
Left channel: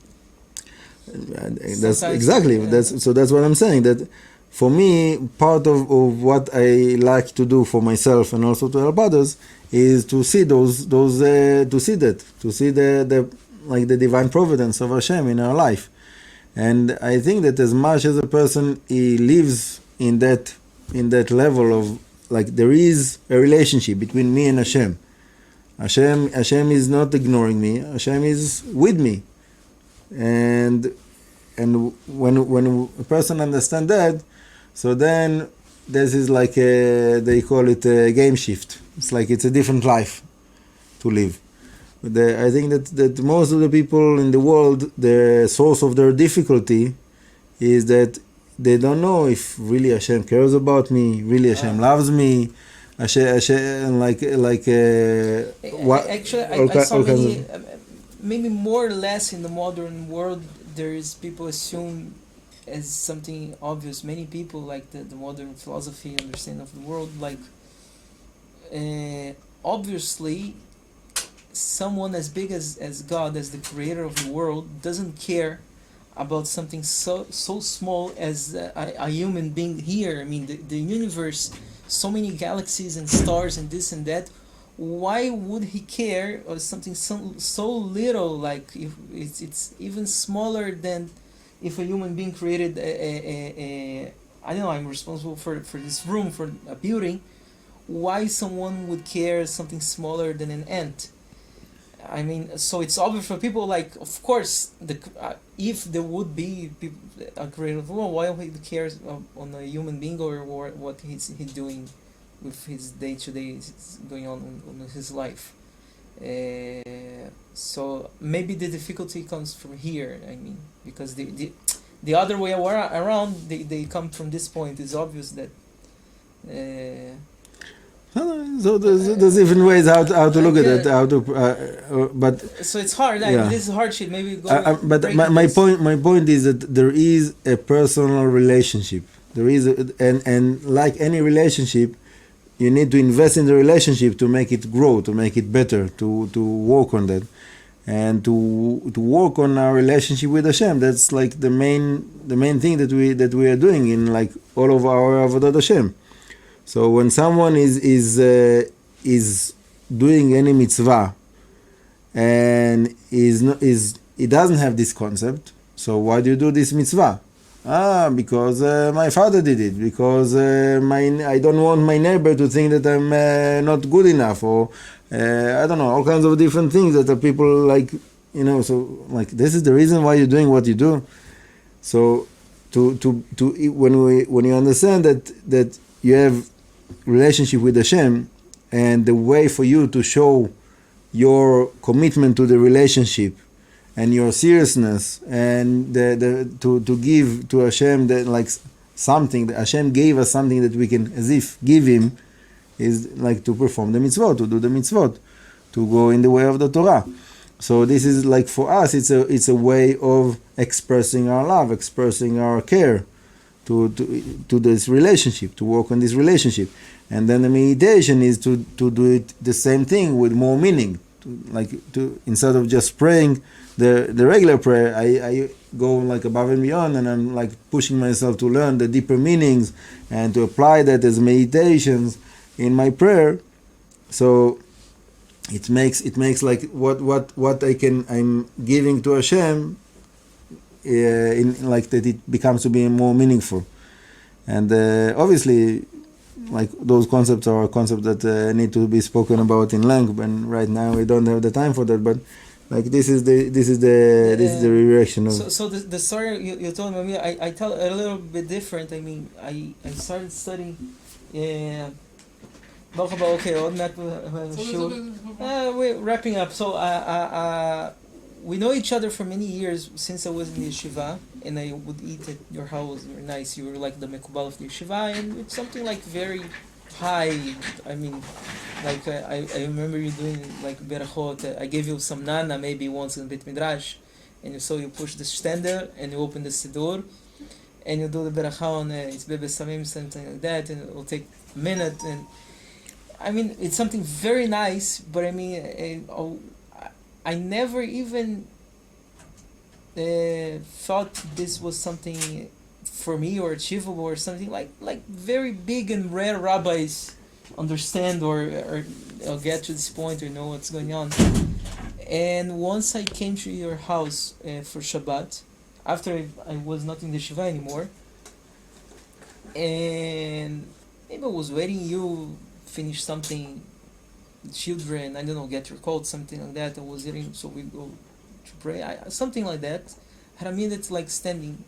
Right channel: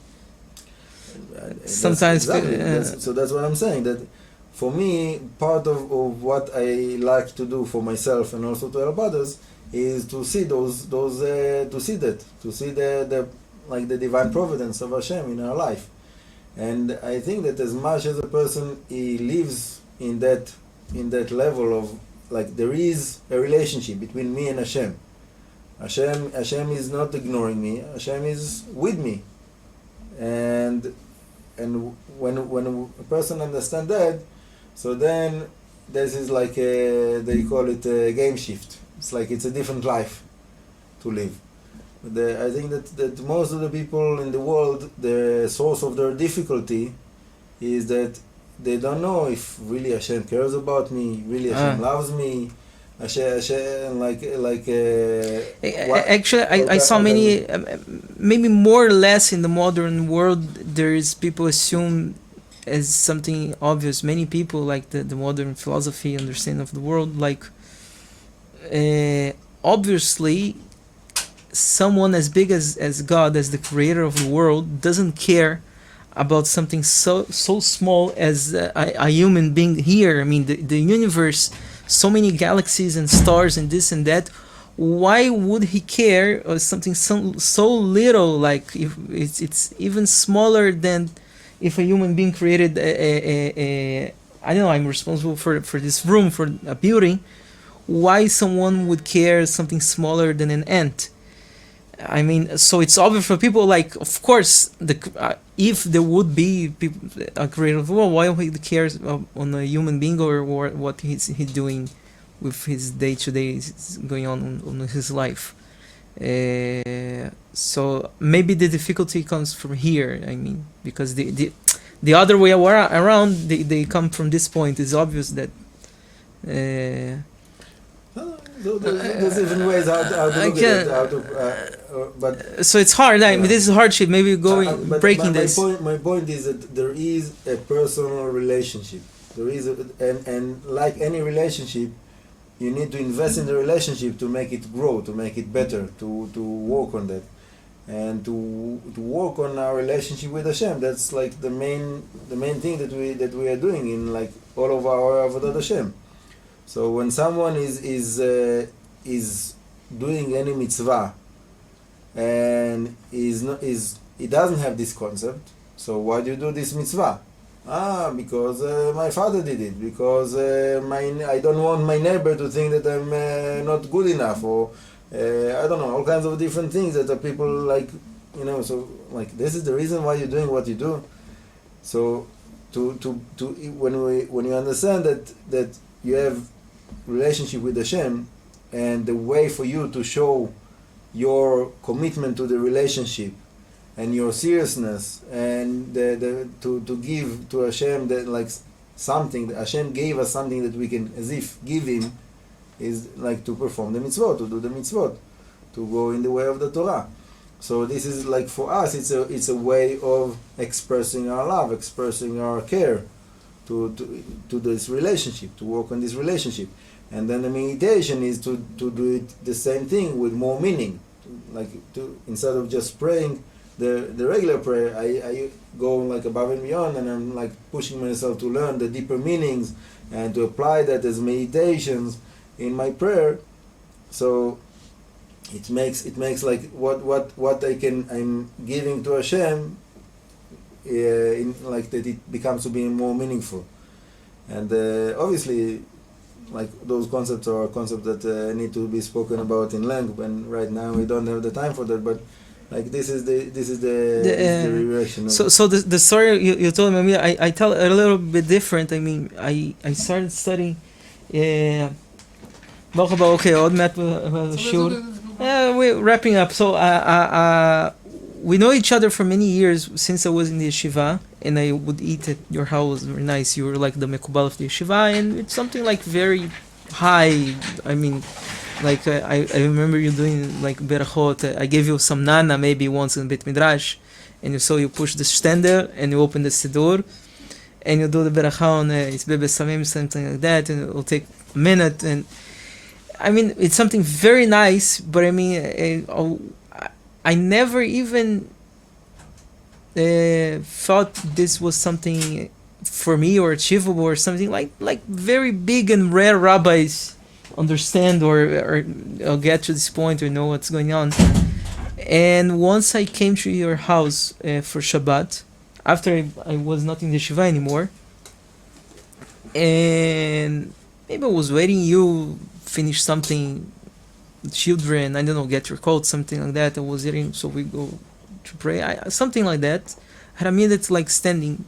Sometimes exactly. That's what I'm saying. That for me, part of what I like to do for myself and also to help others is to see the divine providence of Hashem in our life. And I think that as much as a person he lives in that level of like there is a relationship between me and Hashem. Hashem is not ignoring me. Hashem is with me. And when a person understands that, so then this is like they call it a game shift. It's like it's a different life to live. I think that most of the people in the world, the source of their difficulty is that they don't know if really Hashem cares about me, really Hashem loves me. Hashem actually, I saw many, maybe more or less in the modern world, there is people assume as something obvious. Many people, like the modern philosophy understanding of the world, like obviously someone as big as God, as the creator of the world, doesn't care about something so small as a human being here. I mean, the universe, so many galaxies and stars and this and that. Why would he care of something so little? Like if it's even smaller than if a human being created I don't know, I'm responsible for this room, for a building. Why someone would care something smaller than an ant? I mean, so it's obvious for people, like, of course, if there would be people, a creator of the world, why would he cares on a human being or what he's doing with his day-to-day going on his life? So maybe the difficulty comes from here, I mean, because the other way around, they come from this point. It's obvious that so there's even ways how to look at that, but so it's hard. I mean, this is hardship. Maybe but breaking my this. my point is that there is a personal relationship. There is and like any relationship, you need to invest in the relationship to make it grow, to make it better, to work on that, and to work on our relationship with Hashem. That's like the main thing that we are doing in like all of our avodat Hashem. So when someone is doing any mitzvah and he doesn't have this concept, so why do you do this mitzvah? Because my father did it, because I don't want my neighbor to think that I'm not good enough, or I don't know, all kinds of different things that are people like, you know. So like this is the reason why you're doing what you do. So when you understand that you have relationship with Hashem, and the way for you to show your commitment to the relationship and your seriousness, and to give to Hashem that like something that Hashem gave us, something that we can as if give him, is like to perform the mitzvot, to do the mitzvot, to go in the way of the Torah. So this is like for us, it's a way of expressing our love, expressing our care to this relationship, to work on this relationship. And then the meditation is to do it the same thing with more meaning, to instead of just praying the regular prayer, I go like above and beyond, and I'm like pushing myself to learn the deeper meanings and to apply that as meditations in my prayer. So it makes like what I'm giving to Hashem, in like that it becomes to be more meaningful. And obviously, like those concepts are concepts that need to be spoken about in length, and right now we don't have the time for that. But like this is the reaction. So the story you told me, I tell a little bit different. I mean, I started studying. Okay, עוד מעט שיעור. We're wrapping up. So we know each other for many years since I was in the Yeshiva, and I would eat at your house. Very nice. You were like the Hamekubalim of the Yeshiva, and it's something like very high. I mean, like I remember you doing like berachot. I gave you some nana maybe once in Beit Midrash, and you push the stender and you open the siddur, and you do the berachah on it's bebe samim, something like that, and it will take a minute. And I mean, it's something very nice, but I mean, I never even thought this was something for me or achievable or something like very big and rare rabbis understand or get to this point or know what's going on. And once I came to your house for Shabbat, after I was not in the Yeshiva anymore, and maybe I was waiting you finish something, children, I don't know, get your coat, something like that. I was eating, so we go to pray, something like that. I had a minute like standing,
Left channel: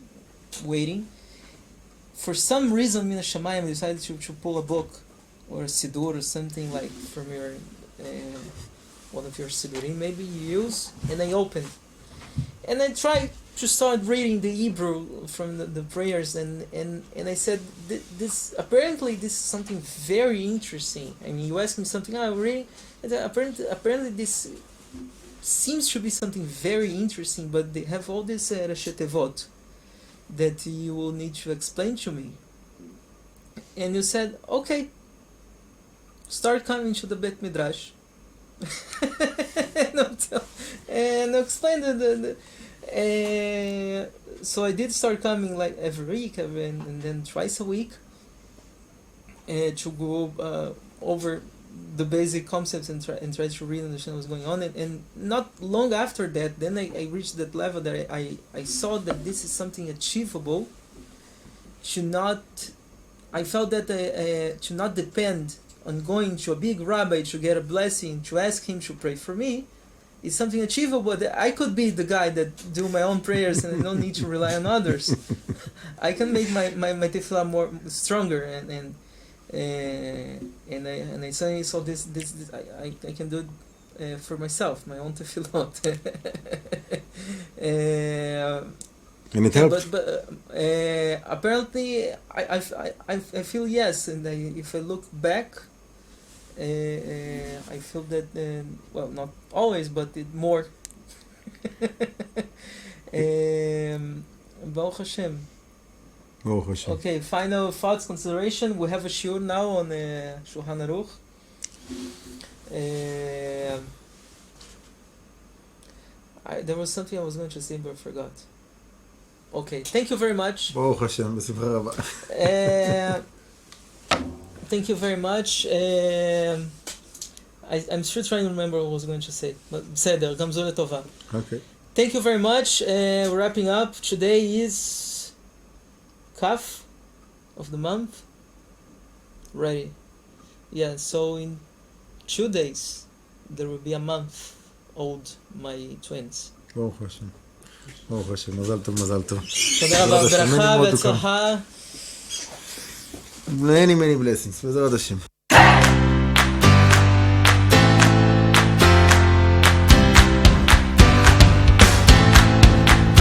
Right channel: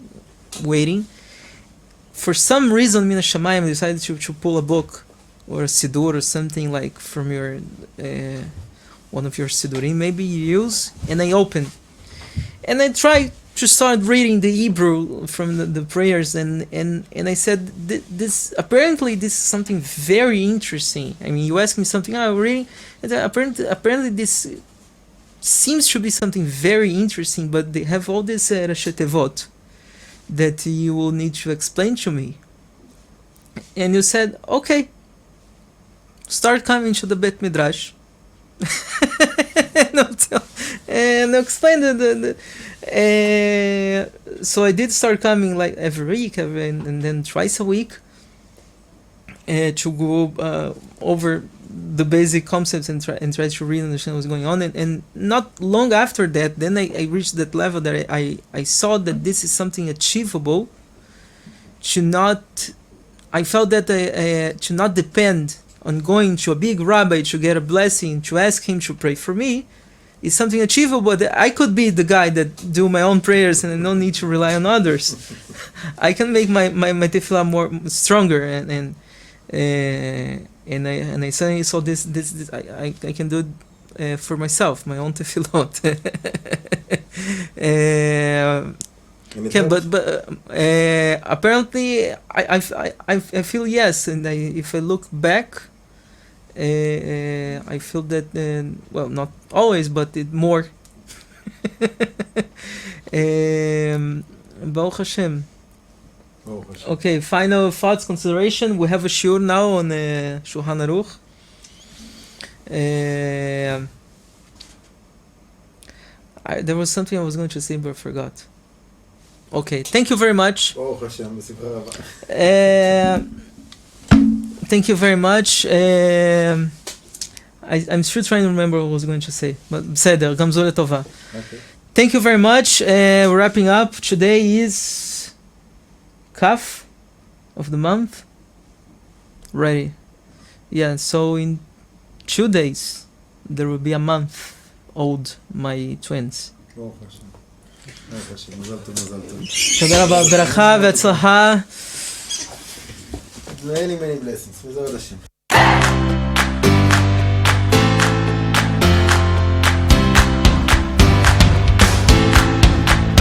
waiting, for some reason, Min Hashamayim decided to pull a book or a Sidur or something like from your one of your Sidurim, maybe you use, and I open. And I tried to start reading the Hebrew from the prayers, and I said, this apparently this is something very interesting. I mean, you ask me something, I'm reading, and apparently this seems to be something very interesting, but they have all this Rashi Tevot that you will need to explain to me. And you said, okay, start coming to the Bet Midrash. and explain so I did start coming like every week and then twice a week to go over the basic concepts and try to really understand what's going on, and not long after that, then I reached that level that I saw that this is something achievable. I felt that to not depend on going to a big rabbi to get a blessing, to ask him to pray for me, is something achievable. That I could be the guy that do my own prayers and I don't need to rely on others. I can make my tefillah more stronger, and I suddenly saw this I can do it for myself, my own tefillot. And it helped? But apparently I feel yes, and if I look back, I feel that well, not always, but it more. Baruch Hashem. Baruch Hashem. Okay, final thoughts, consideration. We have a shiur now on Shulchan Aruch. There was something I was going to say, but I forgot. Okay, thank you very much. Baruch Hashem, b'simcha rabba. Thank you very much. I'm still trying to remember what I was going to say, but בסדר, גם זו לטובה. Okay. Thank you very much. We're wrapping up. Today is Kaf of the month. Ready. Yeah, so in 2 days, there will be a month old, my twins. Baruch Hashem. Baruch Hashem, מזל טוב, מזל טוב. תודה רבה, ברכה והצלחה. Many blessings, בעזרת השם.